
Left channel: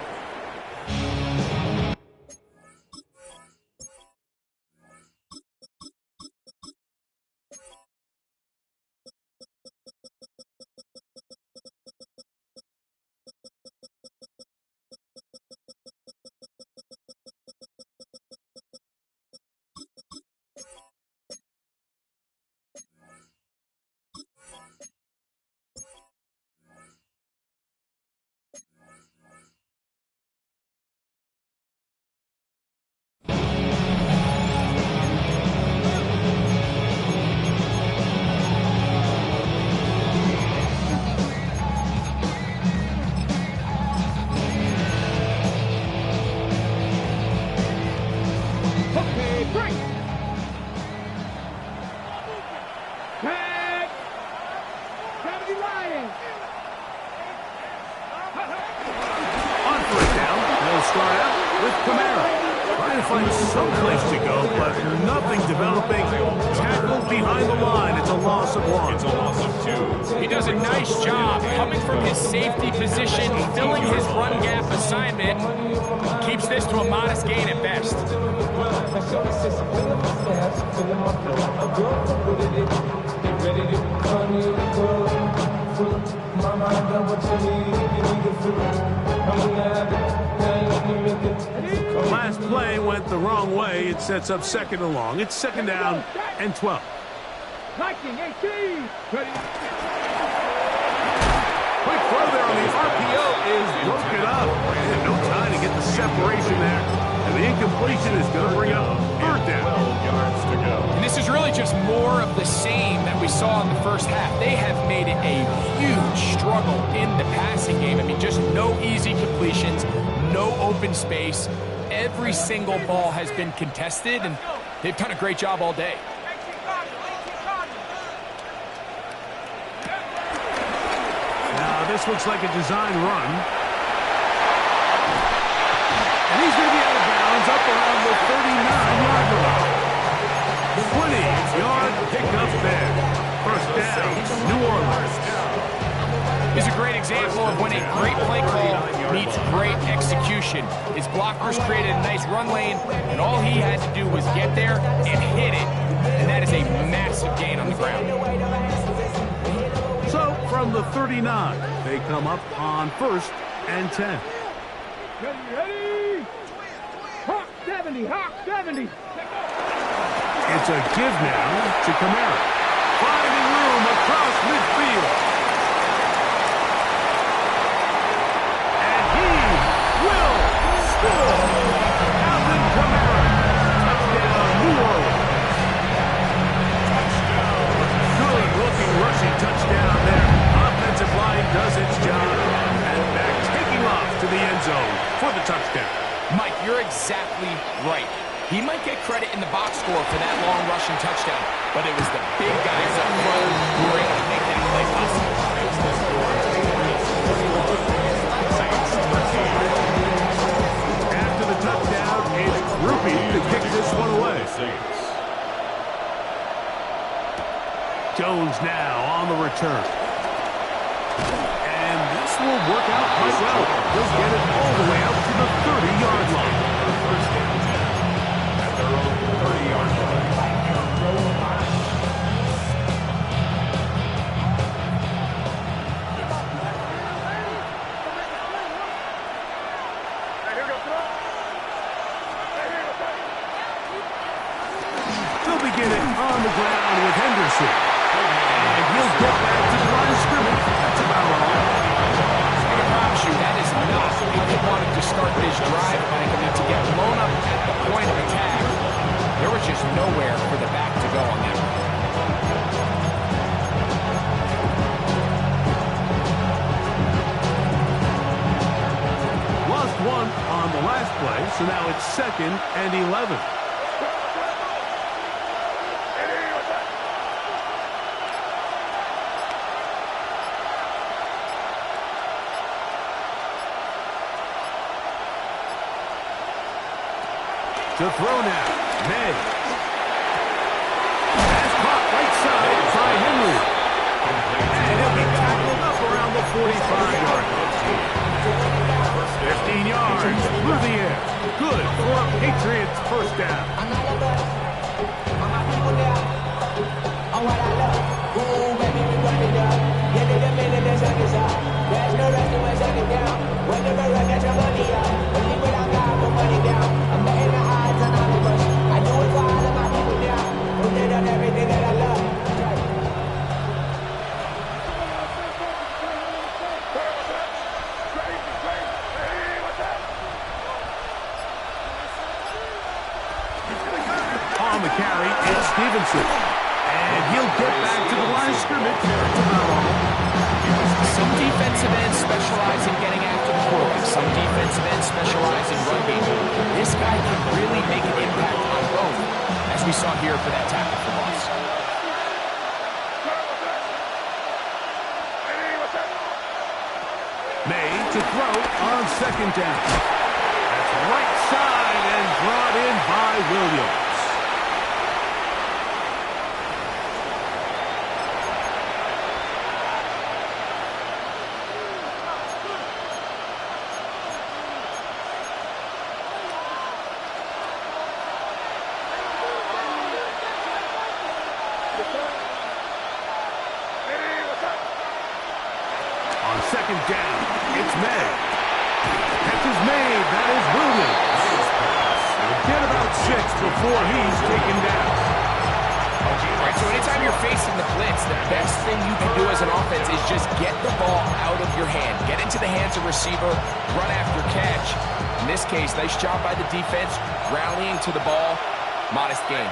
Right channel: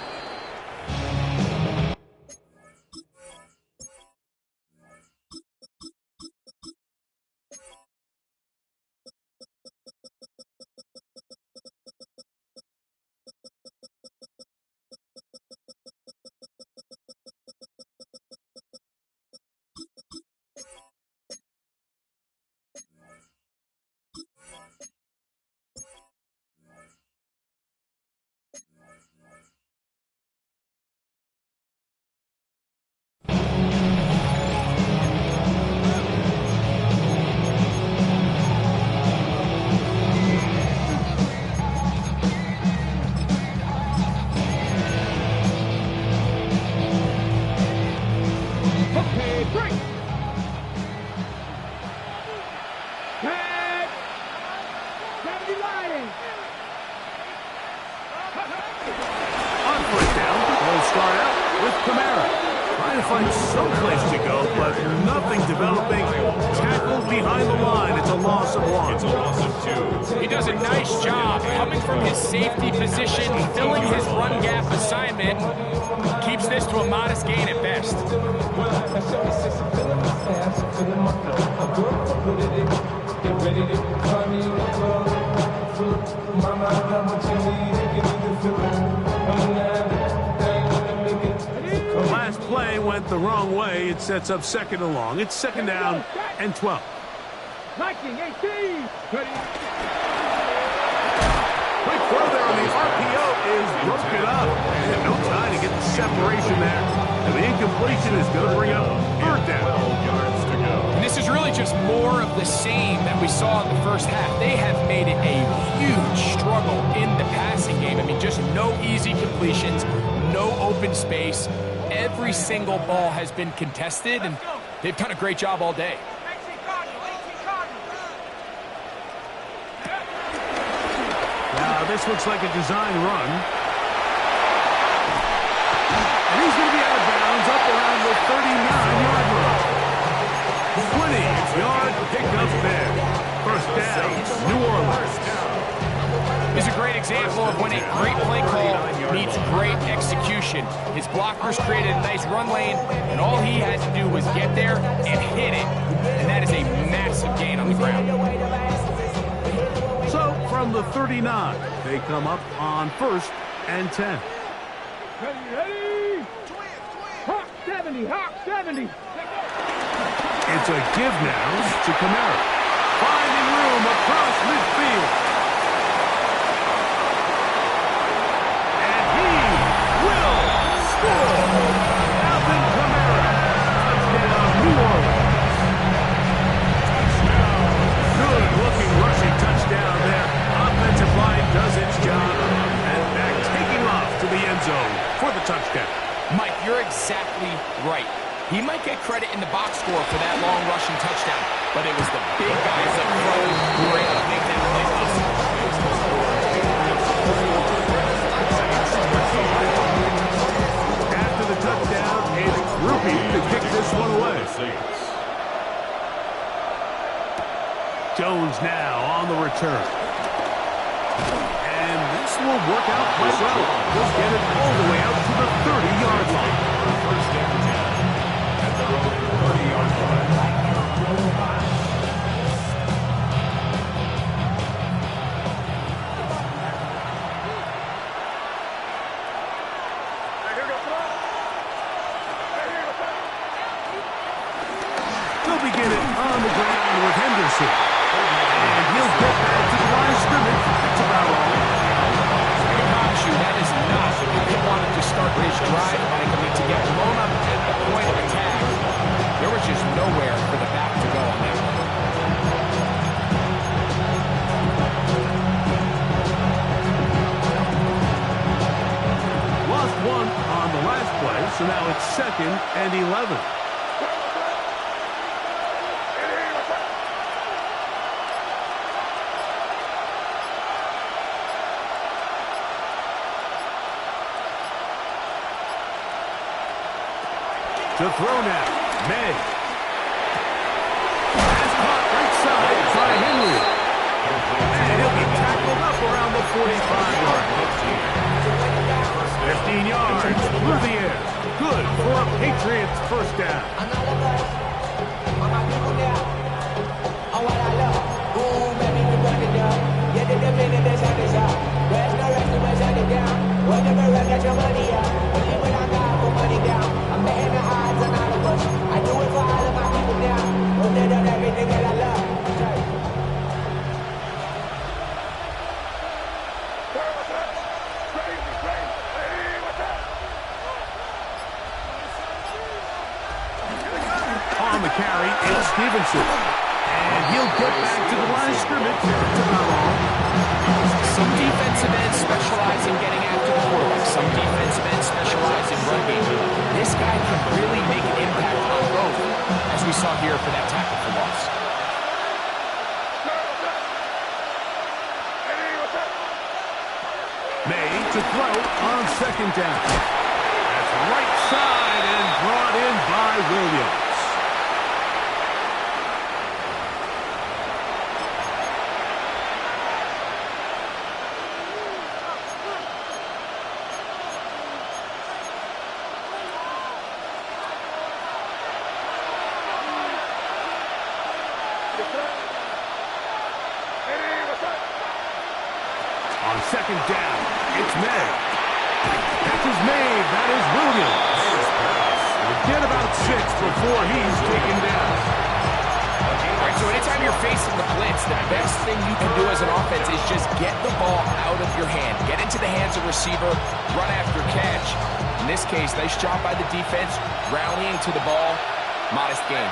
He does a nice job coming from his safety position, filling his run gap assignment, keeps this to a modest gain at best. The last play went the wrong way. It sets up second and long. It's second down and 12. Liking 18. Ready. Quick throw there on the RPO is broken up. And no time to get the separation there. And the incompletion is going to bring up third down. 12 yards to go. And this is really just more of the same that we saw in the first half. They have made it a huge struggle in the passing game. I mean, just no easy completions, no open space. Every single ball has been contested, and they've done a great job all day. Now, this looks like a design run. And he's going to be out of bounds up around the 39-yard line. 20-yard pickup there. First down, New Orleans. Is a great example of when a great play call meets great execution. His blockers created a nice run lane, and all he had to do was get there and hit it. And that is a massive gain on the ground. So, from the 39, they come up on 1st and 10. Ready, ready. Hawk 70, Hawk 70. Let's go. It's a give now to Kamara. Finding room across midfield. And he will score. Alvin Kamara. Touchdown, New Orleans. Good-looking rushing touchdown there. Offensive line does its job. And back taking off to the end zone for the touchdown. Mike, you're exactly right. He might get credit in the box score for that long rushing touchdown, but it was the big guys up front who were able to make that play possible. After the touchdown, it's Ruby to kick this one away. Jones now on the return. And this will work out quite well. He'll get it all the way out to the 30-yard line. First down 10 at their own 30-yard line. They'll begin it on the ground with Henderson. And he'll get back to the line of scrimmage. That's about all. I promise you, that is not how he wanted to start this drive, Mike. I mean, to get blown up at the point of attack, there was just nowhere for the back to go on that one. Lost one on the last play, so now it's 2nd and 11. To throw now, May. Has caught right side by Henry. And he'll be tackled up around the 45-yard line. 15 yards through the air. Good for a Patriots first down. There's no rest to my shutting down. Whenever I get your money up, only when I got for money down. I'm betting the odds on all of us. I do it for all of my people now. Who did on everything that I love. On the carry is Stevenson. And he'll get back to the line of scrimmage. That's about all. Some defensive ends specialize in getting after the quarterback. Some defensive ends specialize in run game. This guy can really make an impact on both, as we saw here for that tackle for loss. May to throw on 2nd down. That's right side and brought in by Williams. On 2nd down, it's May. Catch is made. That is Williams. He'll get about 6 before he's taken down. All right, so anytime you're facing the blitz, the best thing you can do as an offense is just get the ball out of your hand. Get into the hands of receiver, run after catch. In this case, nice job by the defense, rallying to the ball. Modest gain.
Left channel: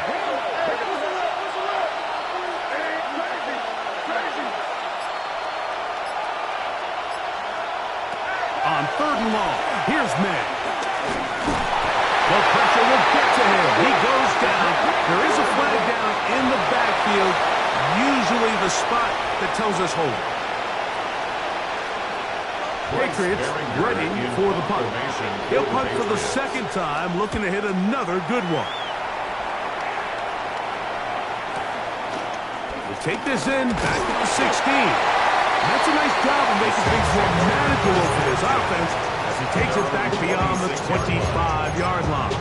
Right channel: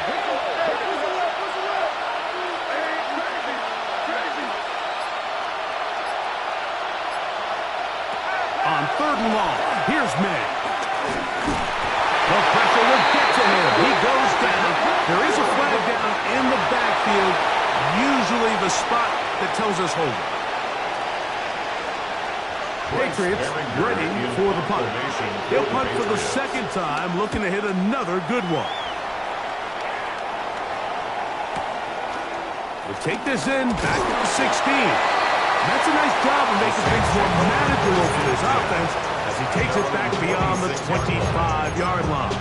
On 3rd and long, here's May. The pressure will get to him. He goes down. There is a flag down in the backfield, usually the spot that tells us hold. Patriots ready for the punt. He'll punt for the 2nd time, looking to hit another good one. We'll take this in back at the 16. That's a nice job of making things more manageable for this offense as he takes it back beyond the 25-yard line.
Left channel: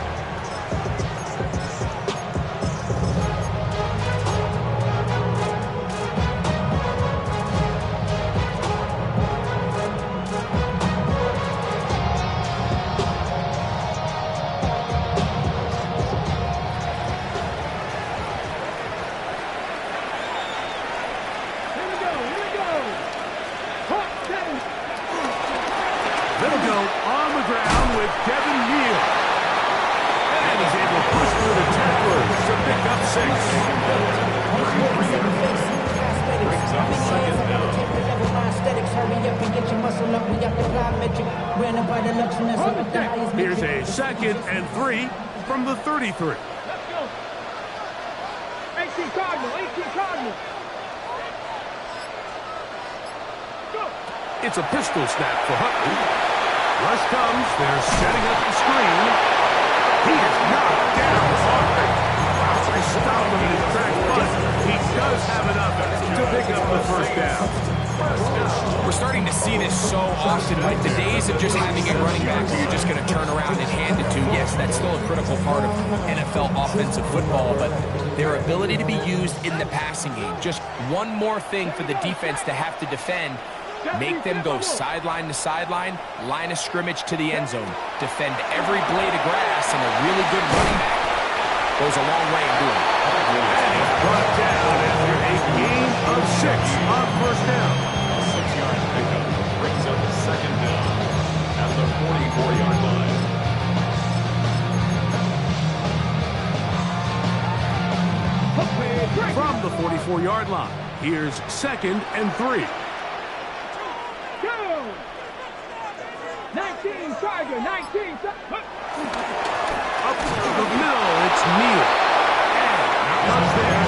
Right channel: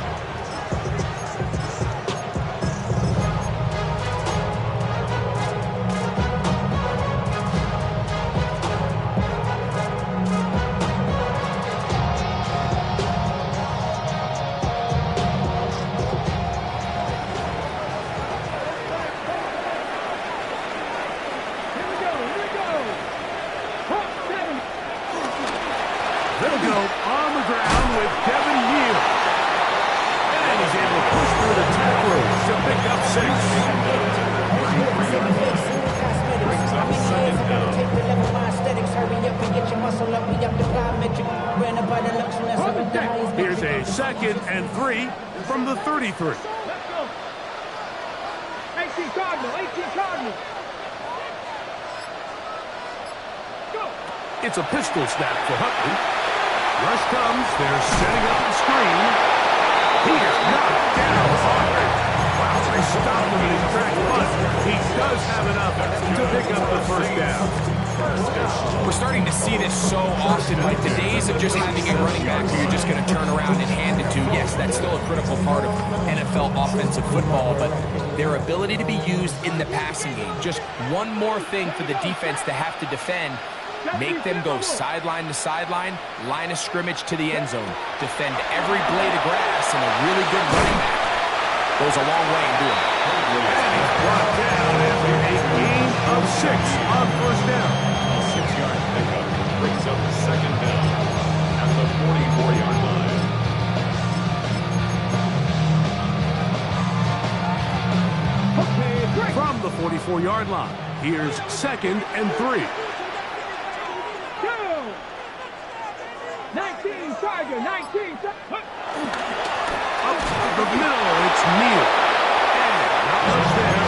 They'll go on the ground with Kevin Neal. And he's able to push through the tacklers to pick up 6. Here's a 2nd and 3 from the 33. Let's go. 18 Cardinal, 18 Cardinal. Go. It's a pistol snap for Huntley. Rush comes. They're setting up the screen. He is knocked down hard. Wow, they stopped him in his tracks, but he does have enough to pick up the first down. We're starting to see this so often. Like the days of just having a running back who you're just going to turn around and hand it to. Yes, that's still a critical part of NFL offensive football, but their ability to be used in the passing game. Just one more thing for the defense to have to defend. Make them go sideline to sideline, line of scrimmage to the end zone. Defend every blade of grass, and a really good running back goes a long way in doing it. And he's brought down after a gain of 6 on first down. A 6-yard pickup brings up 2nd down at the 44-yard line. From the 44-yard line, here's 2nd and 3. 19 Tiger, 19. Up the middle, it's Neal. And not much there.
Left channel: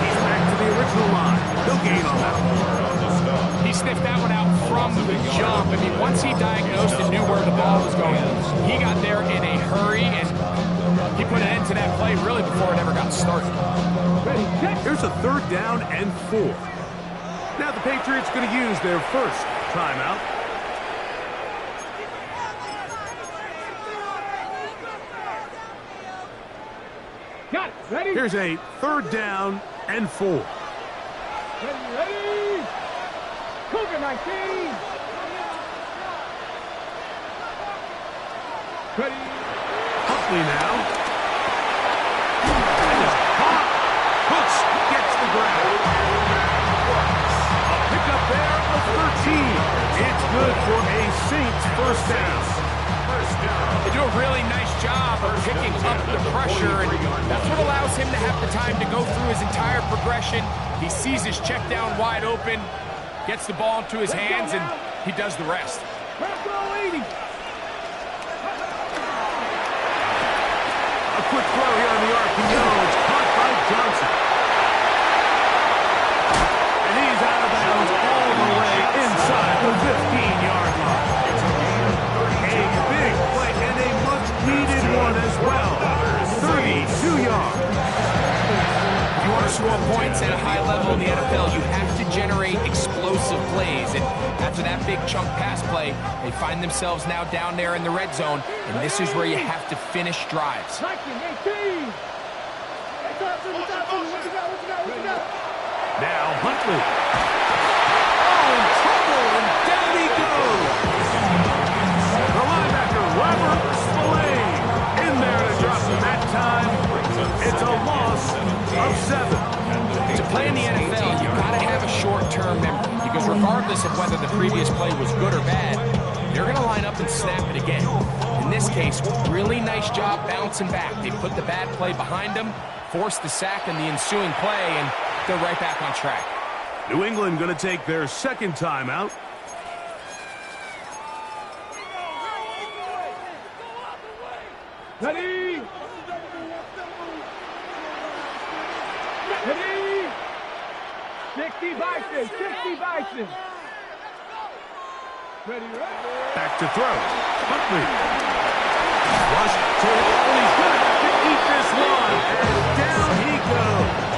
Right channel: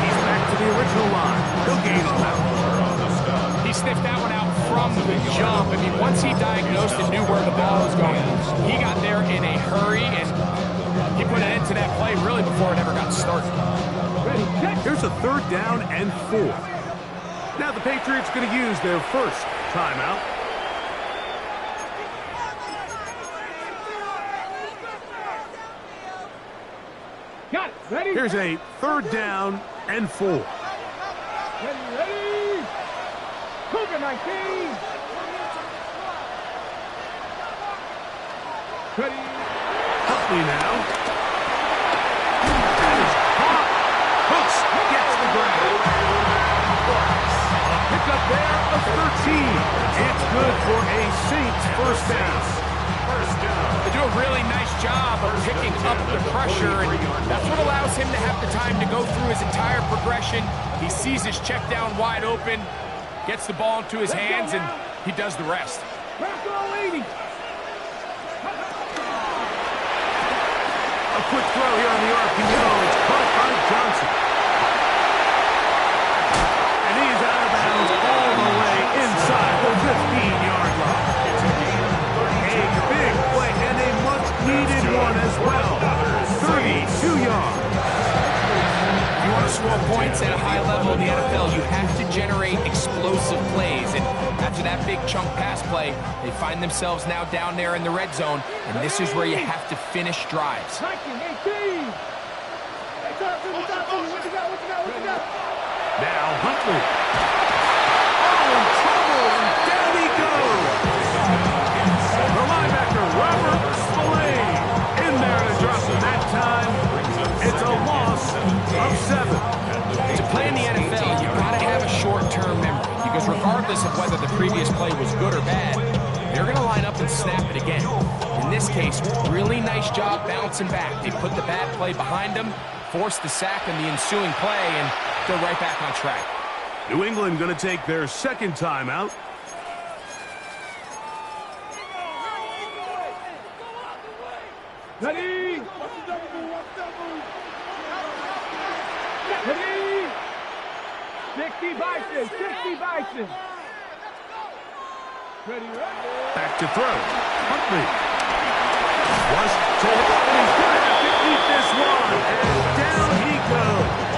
He's back to the original line. He'll gain on that one. He sniffed that one out from the jump. I mean, once he diagnosed and knew where the ball was going, he got there in a hurry, and he put an end to that play really before it ever got started. Here's a 3rd down and 4. Now the Patriots going to use their first timeout. Got it. Ready? Here's a 3rd down and 4. Ready? Cougar 19. Ready? Huntley now. That is caught. Hooks gets the grab. A pickup there of 13. It's good for a Saints first down. They do a really nice job of picking up the pressure, and that's what allows him to have the time to go through his entire progression. He sees his check down wide open, gets the ball into his hands, and he does the rest. A quick throw here on the RPO. It's caught by Johnson. And he's out of bounds all the way inside the 15-yard line. A big play and a much-needed one as well. 32 yards. If you want to score points at a high level in the NFL, you have to generate explosive plays. And after that big chunk pass play, they find themselves now down there in the red zone, and this is where you have to finish drives. 19, 18. Now Huntley. Oh, in trouble, and down he goes. The linebacker, Robert Spillane, in there to drop him that time. It's a loss of 7. To play in the NFL, you've got to have a short-term memory, because regardless of whether the previous play was good or bad, they're going to line up and snap it again. In this case, really nice job bouncing back. They put the bad play behind them, forced the sack in the ensuing play, and they're right back on track. New England going to take their 2nd timeout. Ready? Ready? 60 Bison, 60 Bison. Ready? Back to throw. Huntley. Rush to hit, and he's going to have to eat this one. And down he goes.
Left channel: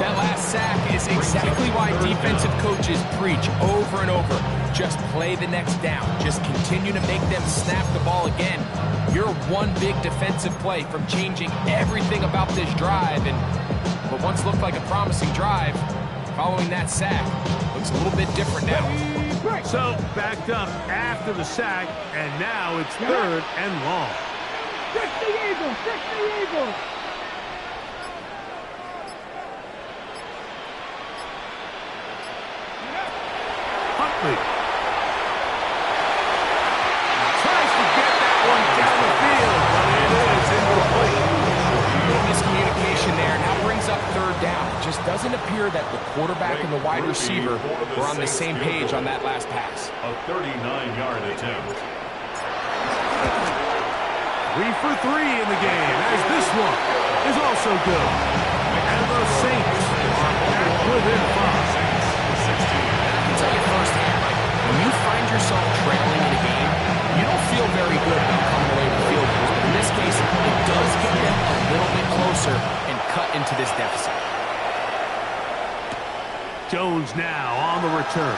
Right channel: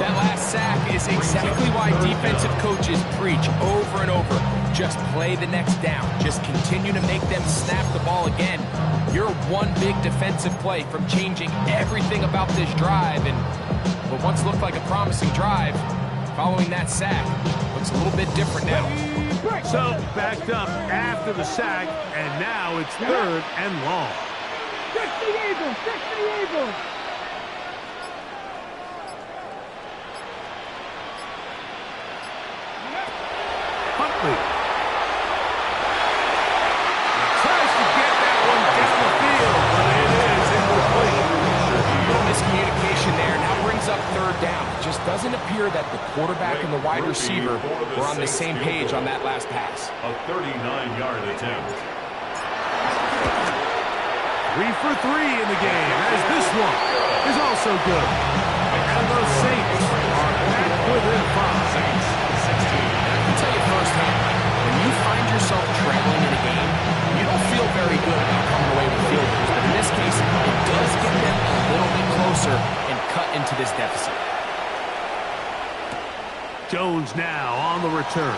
That last sack is exactly why defensive coaches preach over and over. Just play the next down. Just continue to make them snap the ball again. You're one big defensive play from changing everything about this drive. And what once looked like a promising drive, following that sack, looks a little bit different now. So backed up after the sack, and now it's 3rd and long. 60 Eagles, 60 Eagles. miscommunication there. Now brings up third down. It just doesn't appear that the quarterback and the wide receiver were on the same page on that last pass. A 39-yard attempt. 3 for 3 in the game, as this one is also good. And the Saints are back within 5. Saints 16. And I can tell you firsthand, Mike, when you find yourself trailing in a game, you don't feel very good about coming away with field goals. But in this case, it does get them a little bit closer and cut into this deficit. Jones now on the return.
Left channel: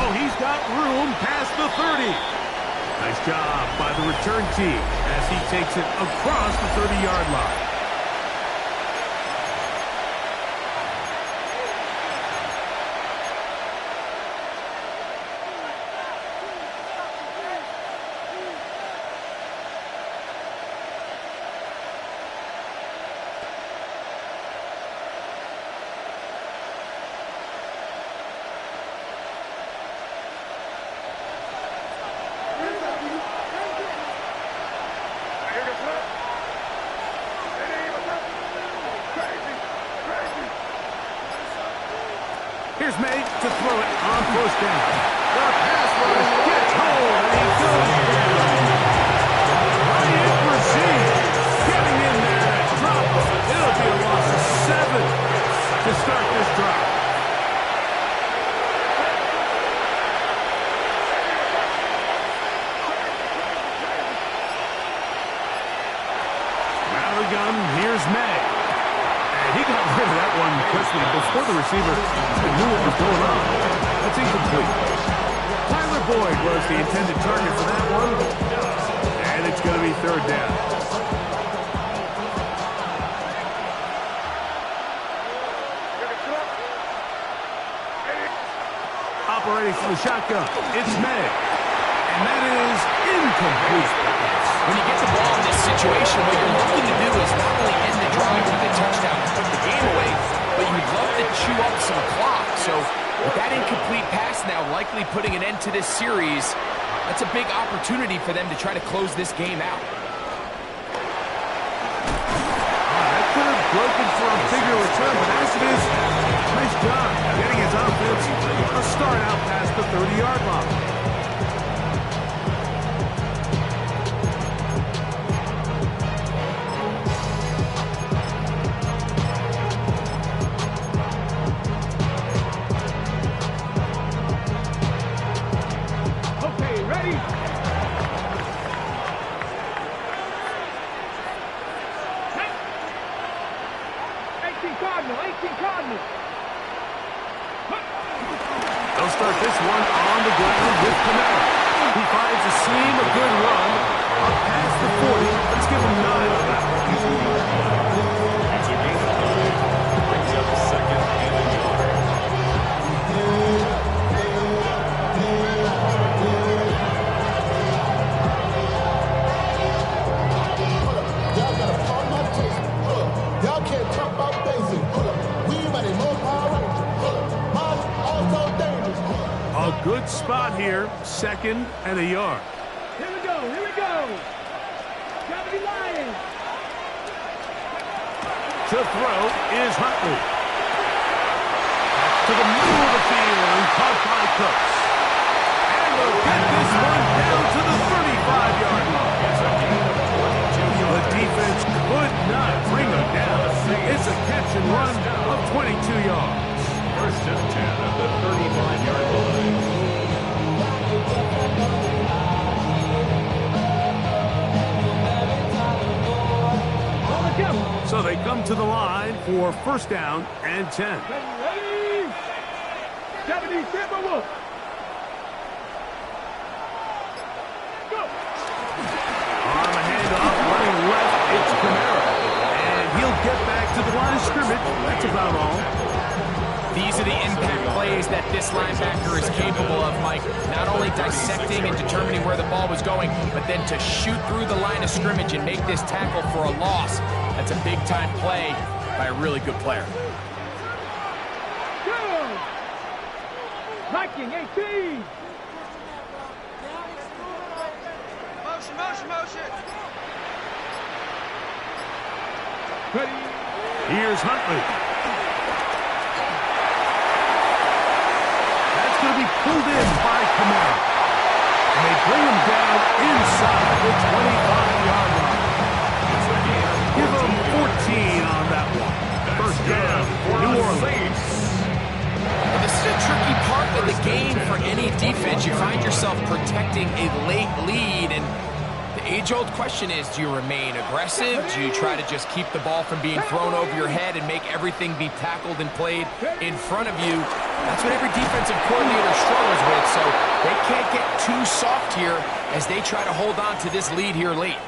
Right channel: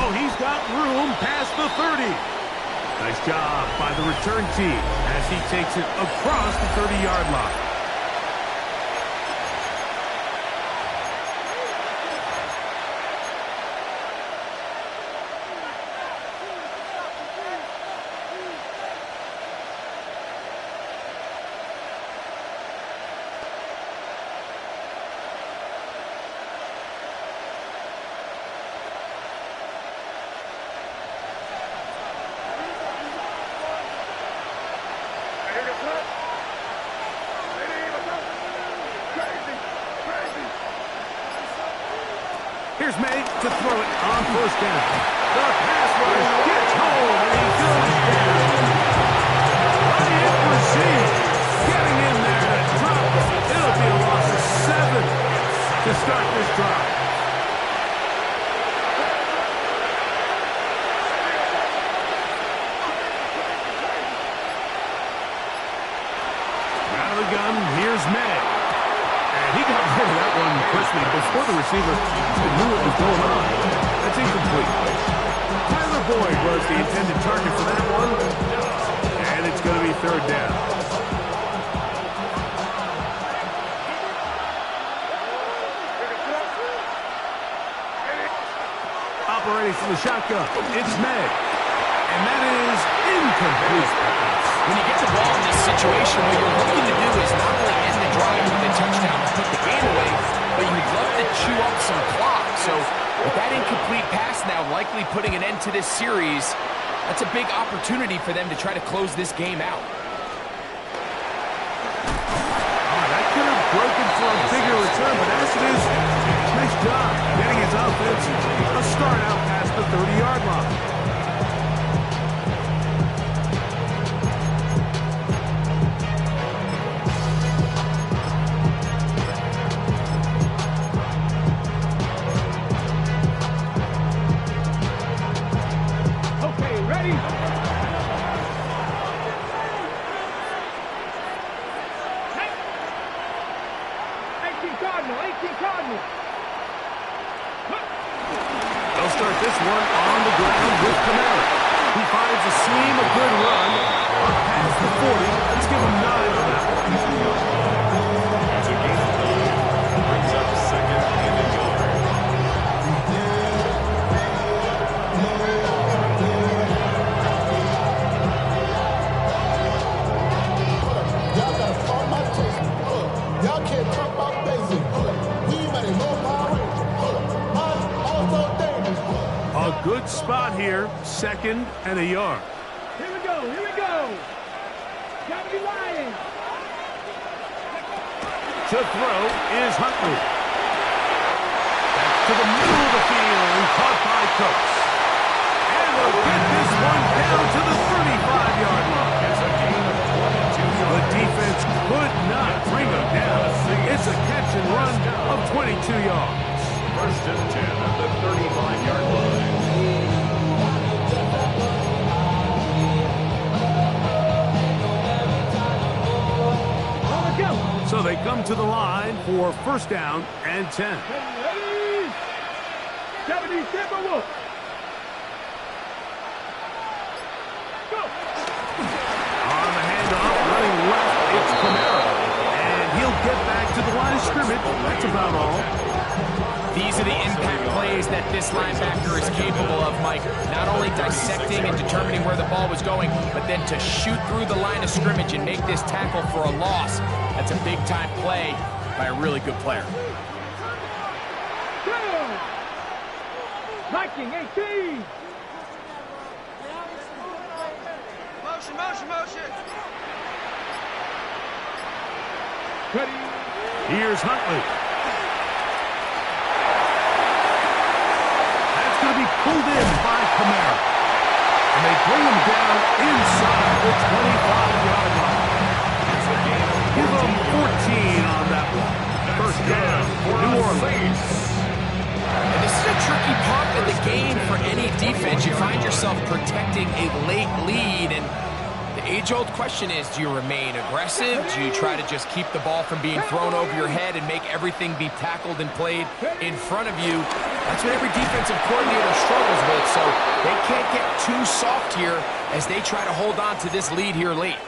Oh, he's got room past the 30. Nice job by the return team as he takes it across the 30-yard line. Here's May to throw it on first down. The pass rush gets home, and he goes down. Ryan Brzee getting in there to drop it. It'll be a loss of 7 to start this drive. Out of the gun, here's May. And he got rid of that one quickly before the receiver even knew what was going on. That's incomplete. Tyler Boyd was the intended target for that one. And it's going to be third down. Operating from the shotgun, it's May. And that is incomplete. When you get the ball in this situation, what you're looking to do is not only end the drive with a touchdown to put the game away, but you'd love to chew up some clock. So with that incomplete pass now likely putting an end to this series, that's a big opportunity for them to try to close this game out. That could have broken for a bigger return, but as it is, nice job getting his offense a start out past the 30-yard line. Ready? 18 Cardinal, 18 Cardinal. They'll start this one on the ground with Kamara. He finds a seam, a good run, up past the 40. Let's give him 9 on that one. It's a gain of 9. Brings up second and a yard. Y'all can't talk about basic. We ready, more Power Ranger. Mine's also dangerous. A good spot here, second and a yard. Here we go, here we go. Gotta be lying. To throw is Huntley. That's to the middle of the field and caught by Cooks. And they'll get this one down to the 35-yard line. It's a gain of 22 yards. The defense could not bring them down. It's a catch and run of 22 yards. First and 10 at the 35-yard line. So they come to the line for first down and 10. Ready? 70 Timberwolves. Go. On the handoff, running left, it's Kamara. And he'll get back to the line of scrimmage. That's about all. These are the impact plays that this linebacker is capable of, Mike. Not only dissecting and determining where the ball was going, but then to shoot through the line of scrimmage and make this tackle for a loss. That's a big-time play by a really good player. Go. Viking 18. Motion, motion, motion. Here's Huntley. That's going to be pulled in by Kamara. And they bring him down inside the 25-yard line. Give them 14 on that one. First down for New Orleans. And this is a tricky part of the game for any defense. You find yourself protecting a late lead, and the age-old question is, do you remain aggressive? Do you try to just keep the ball from being thrown over your head and make everything be tackled and played in front of you? That's what every defensive coordinator struggles with, so they can't get too soft here as they try to hold on to this lead here late.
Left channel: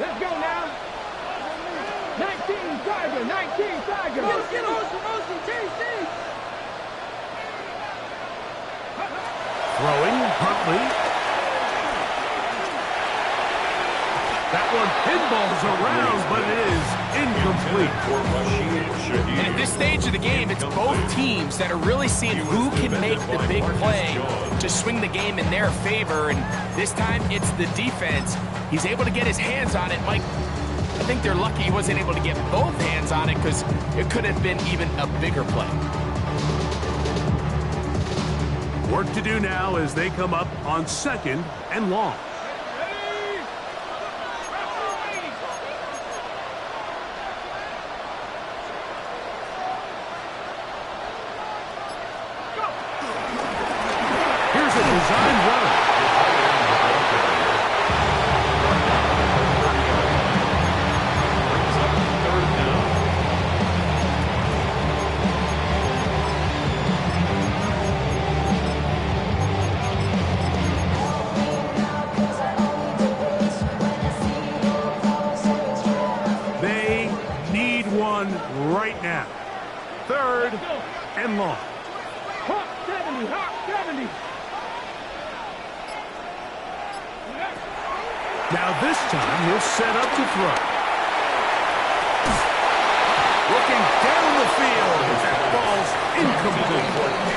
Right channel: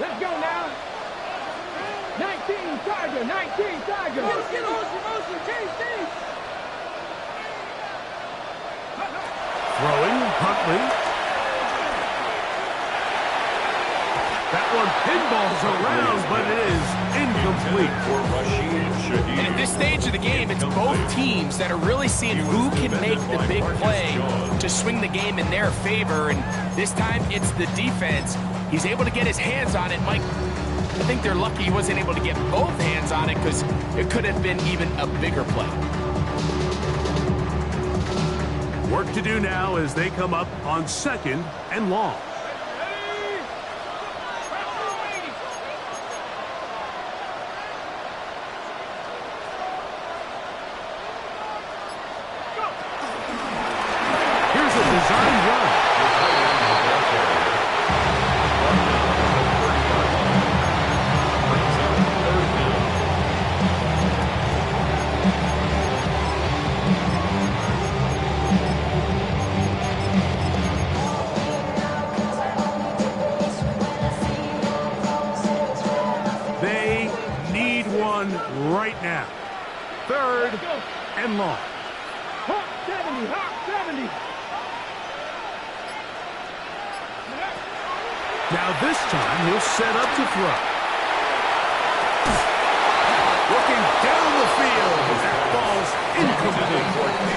Let's go now. 19 Tiger, 19 Tiger. Motion, JC. Throwing, Huntley. That one pinballs around, but it is incomplete. And at this stage of the game, it's both teams that are really seeing who can make the big play to swing the game in their favor, and this time it's the defense. He's able to get his hands on it. Mike, I think they're lucky he wasn't able to get both hands on it because it could have been even a bigger play. Work to do now as they come up on 2nd and long. Here's a design run. Right now. 3rd and long. Hawk 70, Hawk 70. Now this time he'll set up to throw. Looking down the field. That ball's incomplete.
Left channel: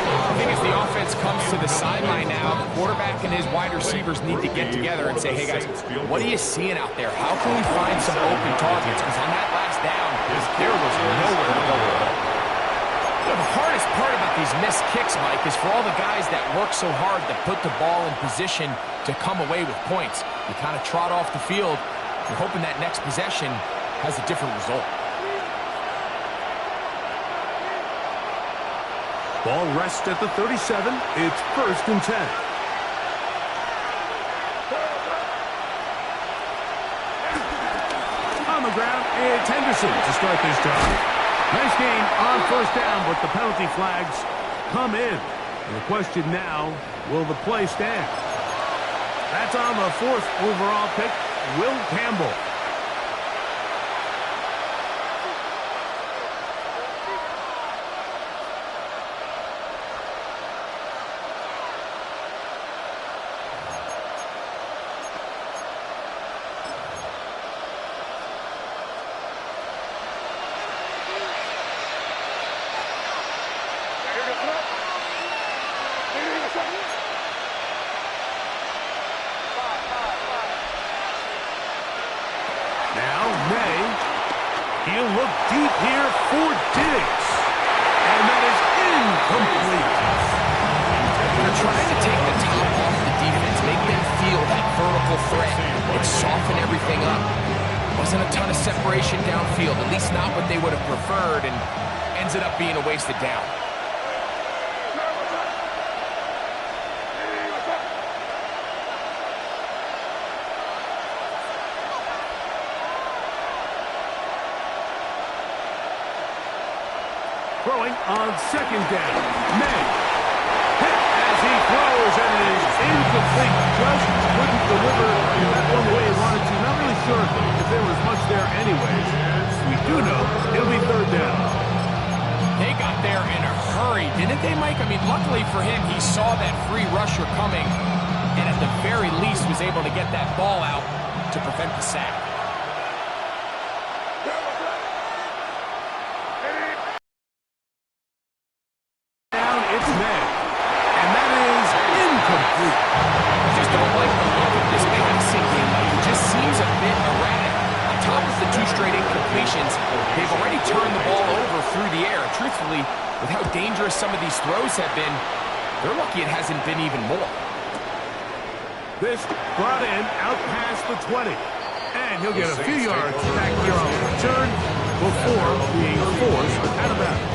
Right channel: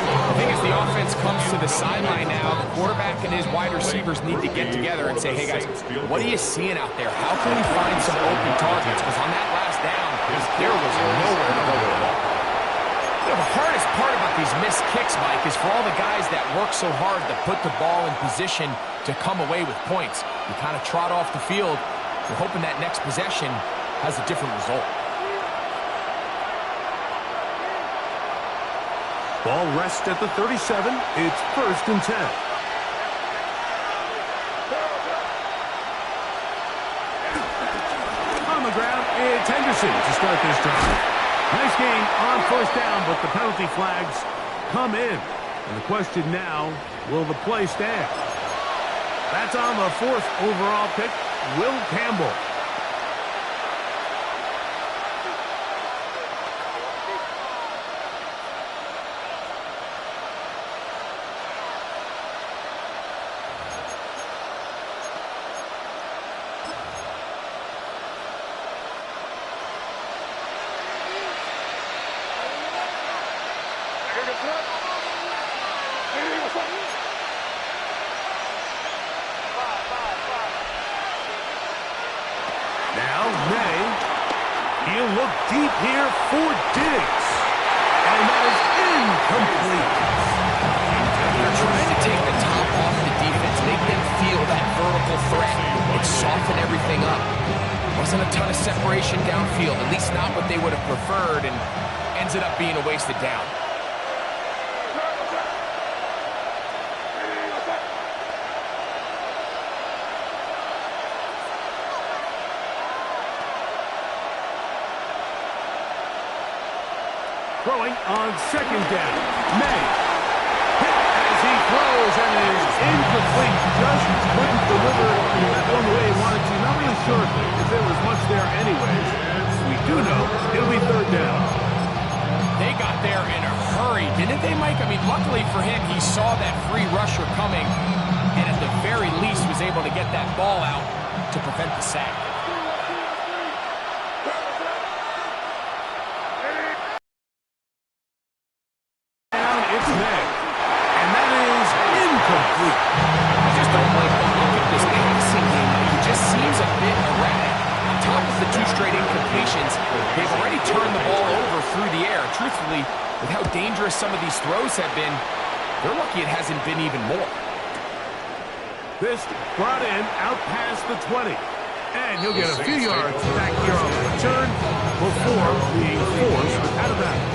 I think as the offense comes to the sideline now, the quarterback and his wide receivers need to get together and say, hey guys, what are you seeing out there? How can we find some open targets? Because on that last down, there was nowhere to go with the ball. You know, the hardest part about these missed kicks, Mike, is for all the guys that work so hard to put the ball in position to come away with points. You kind of trot off the field. You're hoping that next possession has a different result. Ball rests at the 37. It's 1st and 10. On the ground, it's Henderson to start this drive. Nice gain on 1st down, but the penalty flags come in. And the question now, will the play stand? That's on the 4th overall pick, Will Campbell. Now May, he'll look deep here for Diggs, and that is incomplete. They're trying to take the top off the defense, make them feel that vertical threat, and soften everything up. Wasn't a ton of separation downfield, at least not what they would have preferred, and ended up being a wasted down. Throwing on 2nd down. May. Hit as he throws, and it is incomplete. Just couldn't deliver that one the way he wanted to. Not really sure if there was much there anyways. We do know it'll be 3rd down. They got there in a hurry, didn't they, Mike? I mean, luckily for him, he saw that free rusher coming, and at the very least was able to get that ball out to prevent the sack. straight incompletions, they've already turned the ball over through the air. Truthfully, with how dangerous some of these throws have been, they're lucky it hasn't been even more. This brought in out past the 20. And he'll get a few yards back here on the return before being forced out of bounds.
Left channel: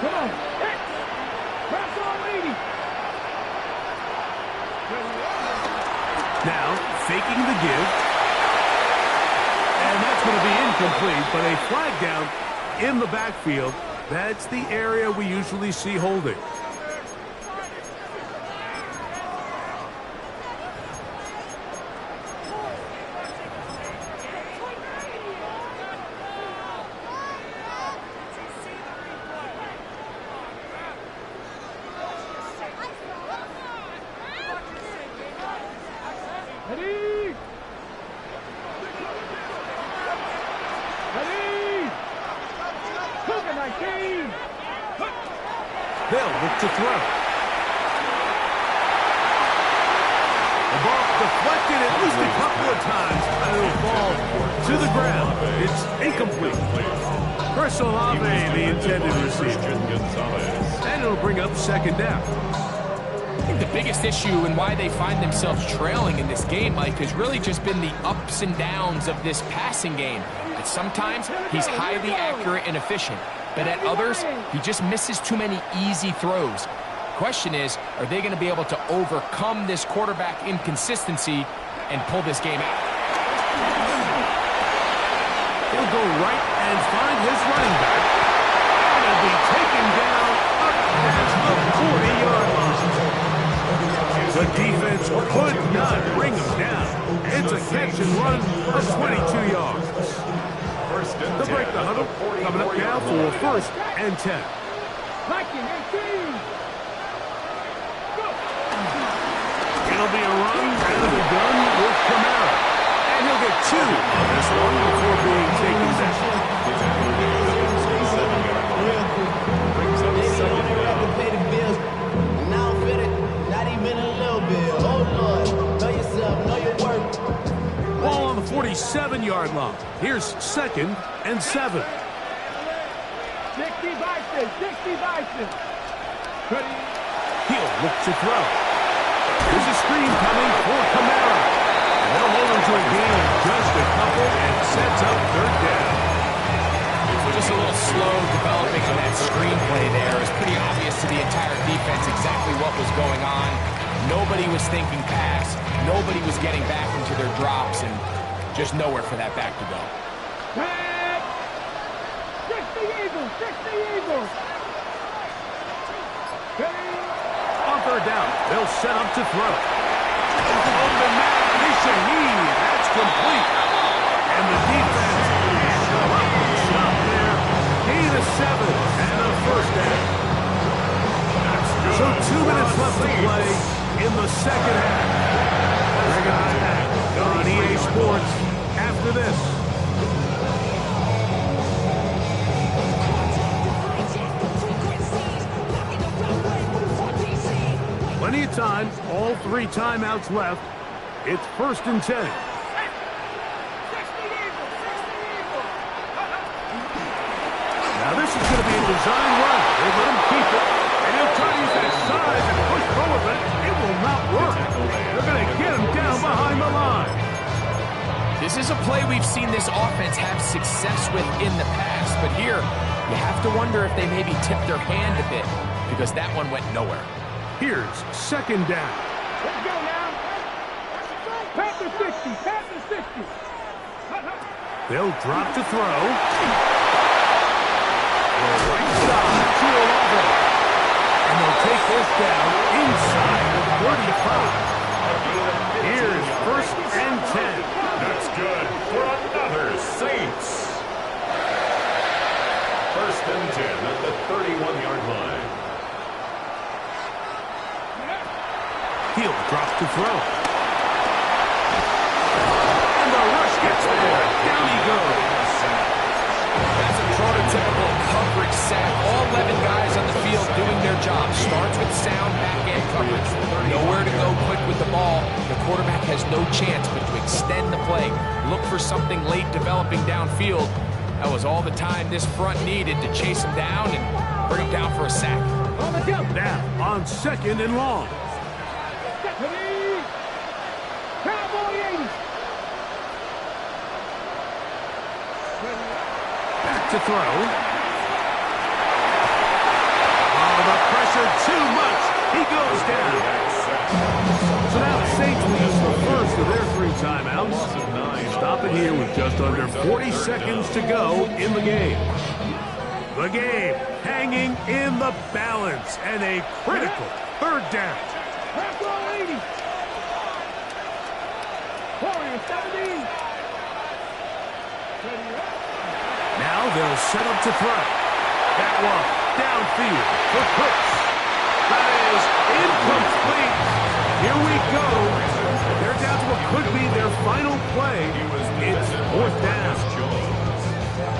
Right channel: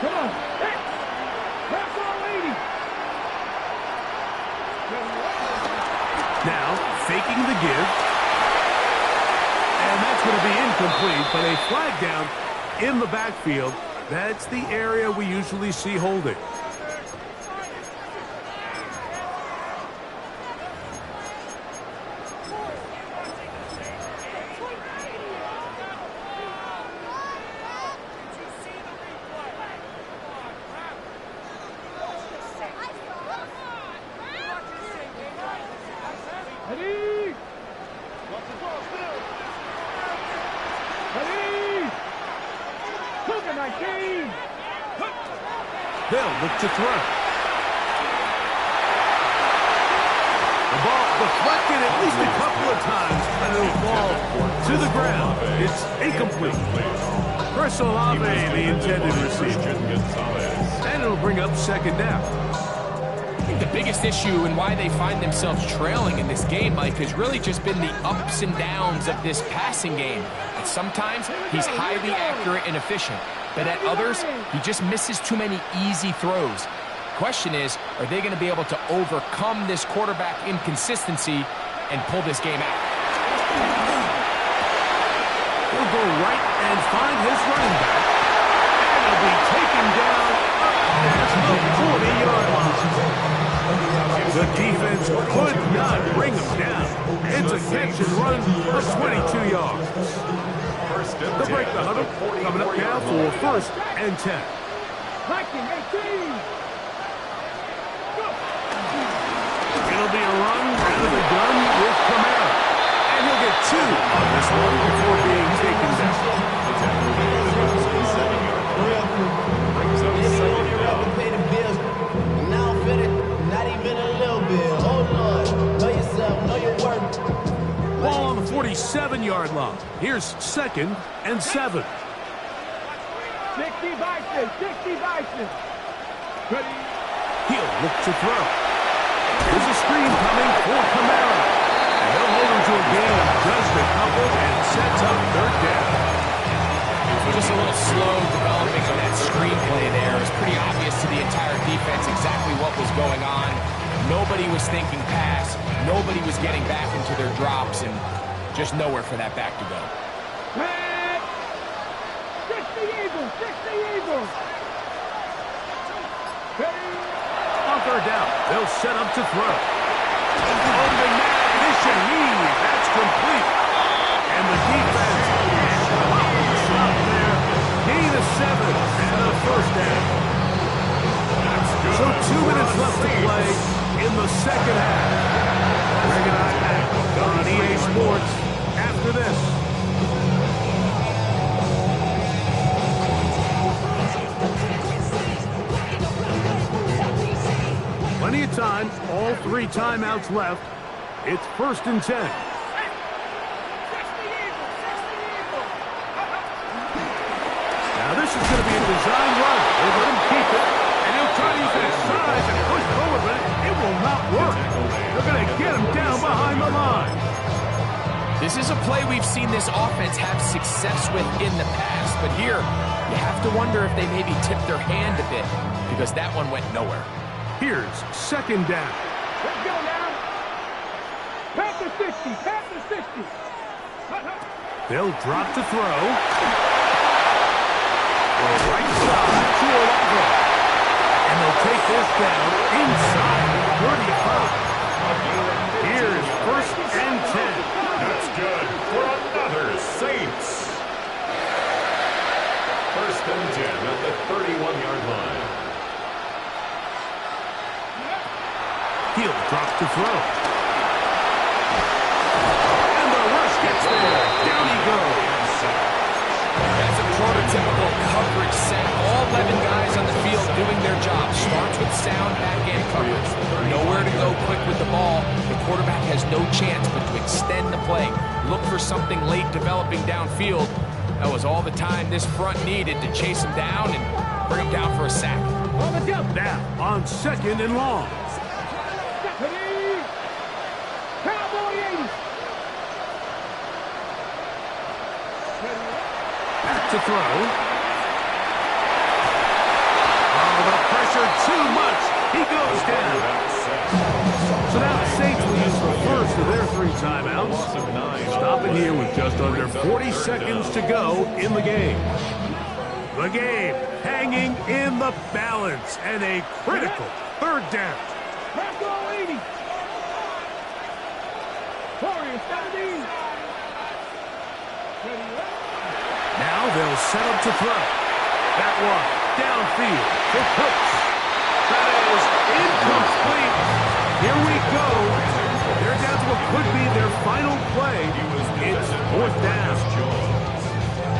Come on. Hey, press on, lady. Now, faking the give. And that's going to be incomplete, but a flag down in the backfield. That's the area we usually see holding. They'll look to throw. The ball deflected at least a couple of times, and it'll fall to the ground. It's incomplete. Chris Olave, the intended receiver. And it'll bring up second down. I think the biggest issue and why they find themselves trailing in this game, Mike, has really just been the ups and downs of this passing game. And sometimes he's highly accurate and efficient. But at others, he just misses too many easy throws. Question is, are they going to be able to overcome this quarterback inconsistency and pull this game out? He'll go right and find his running back. And he'll be taken down up past the 40-yard line. The defense could not bring him down. It's a catch and run of 22 yards. They'll break the huddle. Coming up now for first and 10. Viking 18. Go. It'll be a run out of the gun with Kamara. And he'll get 2 on this one before being taken down. Brings up second down. To pay the bills. And now I'm fitted. Not even a little bit. Oh, Lord. Know yourself. Know your worth. Ball on the 47-yard line. Here's second and 7. 60 Bison. 60 Bison. Ready. He'll look to throw. Here's a screen coming for Kamara. And they'll hold him to a gain of just a couple and sets up third down. Just a little slow developing on that screenplay there. It was pretty obvious to the entire defense exactly what was going on. Nobody was thinking pass. Nobody was getting back into their drops, and just nowhere for that back to go. 60 Eagles! 60 Eagles! On third down, they'll set up to throw. Open man is Shaheed. That's complete. And the defense can't stop there. Gain of 7 and a first down. So 2 minutes left to play in the second half. Greg and I back on EA Sports after this. Plenty of time, all 3 timeouts left. It's first and 10. Now this is going to be a design run. They let him keep it, and he'll try to use that size and push forward, but it will not work. They're going to get him down behind the line. This is a play we've seen this offense have success with in the past, but here you have to wonder if they maybe tipped their hand a bit because that one went nowhere. Here's second down. Let's go now. Panther 60. Panther 60. They'll drop to throw. The right side to Olave. And they'll take this down inside of 35. Here's first and 10. That's good for another Saints. First and 10 at the 31-yard line. He'll drop to throw. And the rush gets there. Down he goes. That's a prototypical coverage sack. All 11 guys on the field doing their job. Starts with sound back-end coverage. Nowhere to go quick with the ball. The quarterback has no chance but to extend the play. Look for something late developing downfield. That was all the time this front needed to chase him down and bring him down for a sack. On the jump. Now on 2nd and long. Stephanie. Cowboy 80. Back to throw. Oh, the pressure too much. He goes down. So now the Saints will use the first of their 3 timeouts. Stopping here with just under 40 seconds to go in the game. The game hanging in the balance and a critical 3rd down. Cowboy 80. Warriors 17. Now they'll set up to throw. That one downfield for Cooks. That is incomplete. Here we go. They're down to what could be their final play. It's 4th down.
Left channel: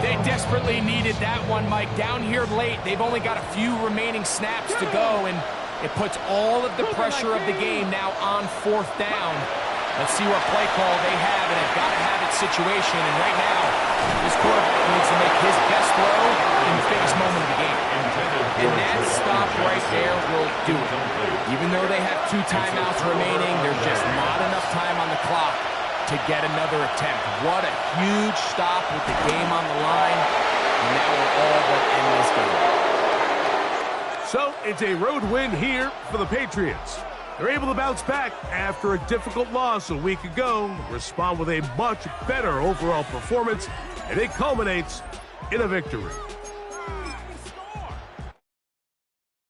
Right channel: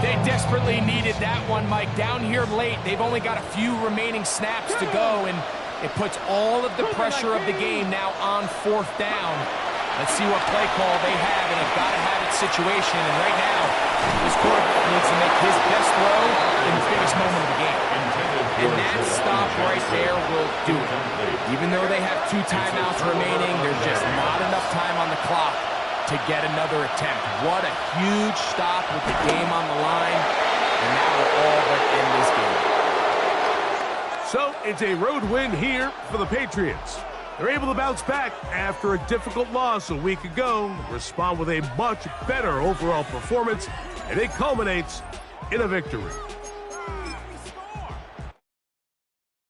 They desperately needed that one, Mike. Down here late, they've only got a few remaining snaps to go, and it puts all of the pressure of the game now on 4th down. Let's see what play call they have in a gotta-have-it situation. And right now, this quarterback needs to make his best throw in the biggest moment of the game. And that stop right there will do it. Even though they have 2 timeouts remaining, there's just not enough time on the clock to get another attempt. What a huge stop with the game on the line. And that will all but end this game. So it's a road win here for the Patriots. They're able to bounce back after a difficult loss a week ago, respond with a much better overall performance, and it culminates in a victory.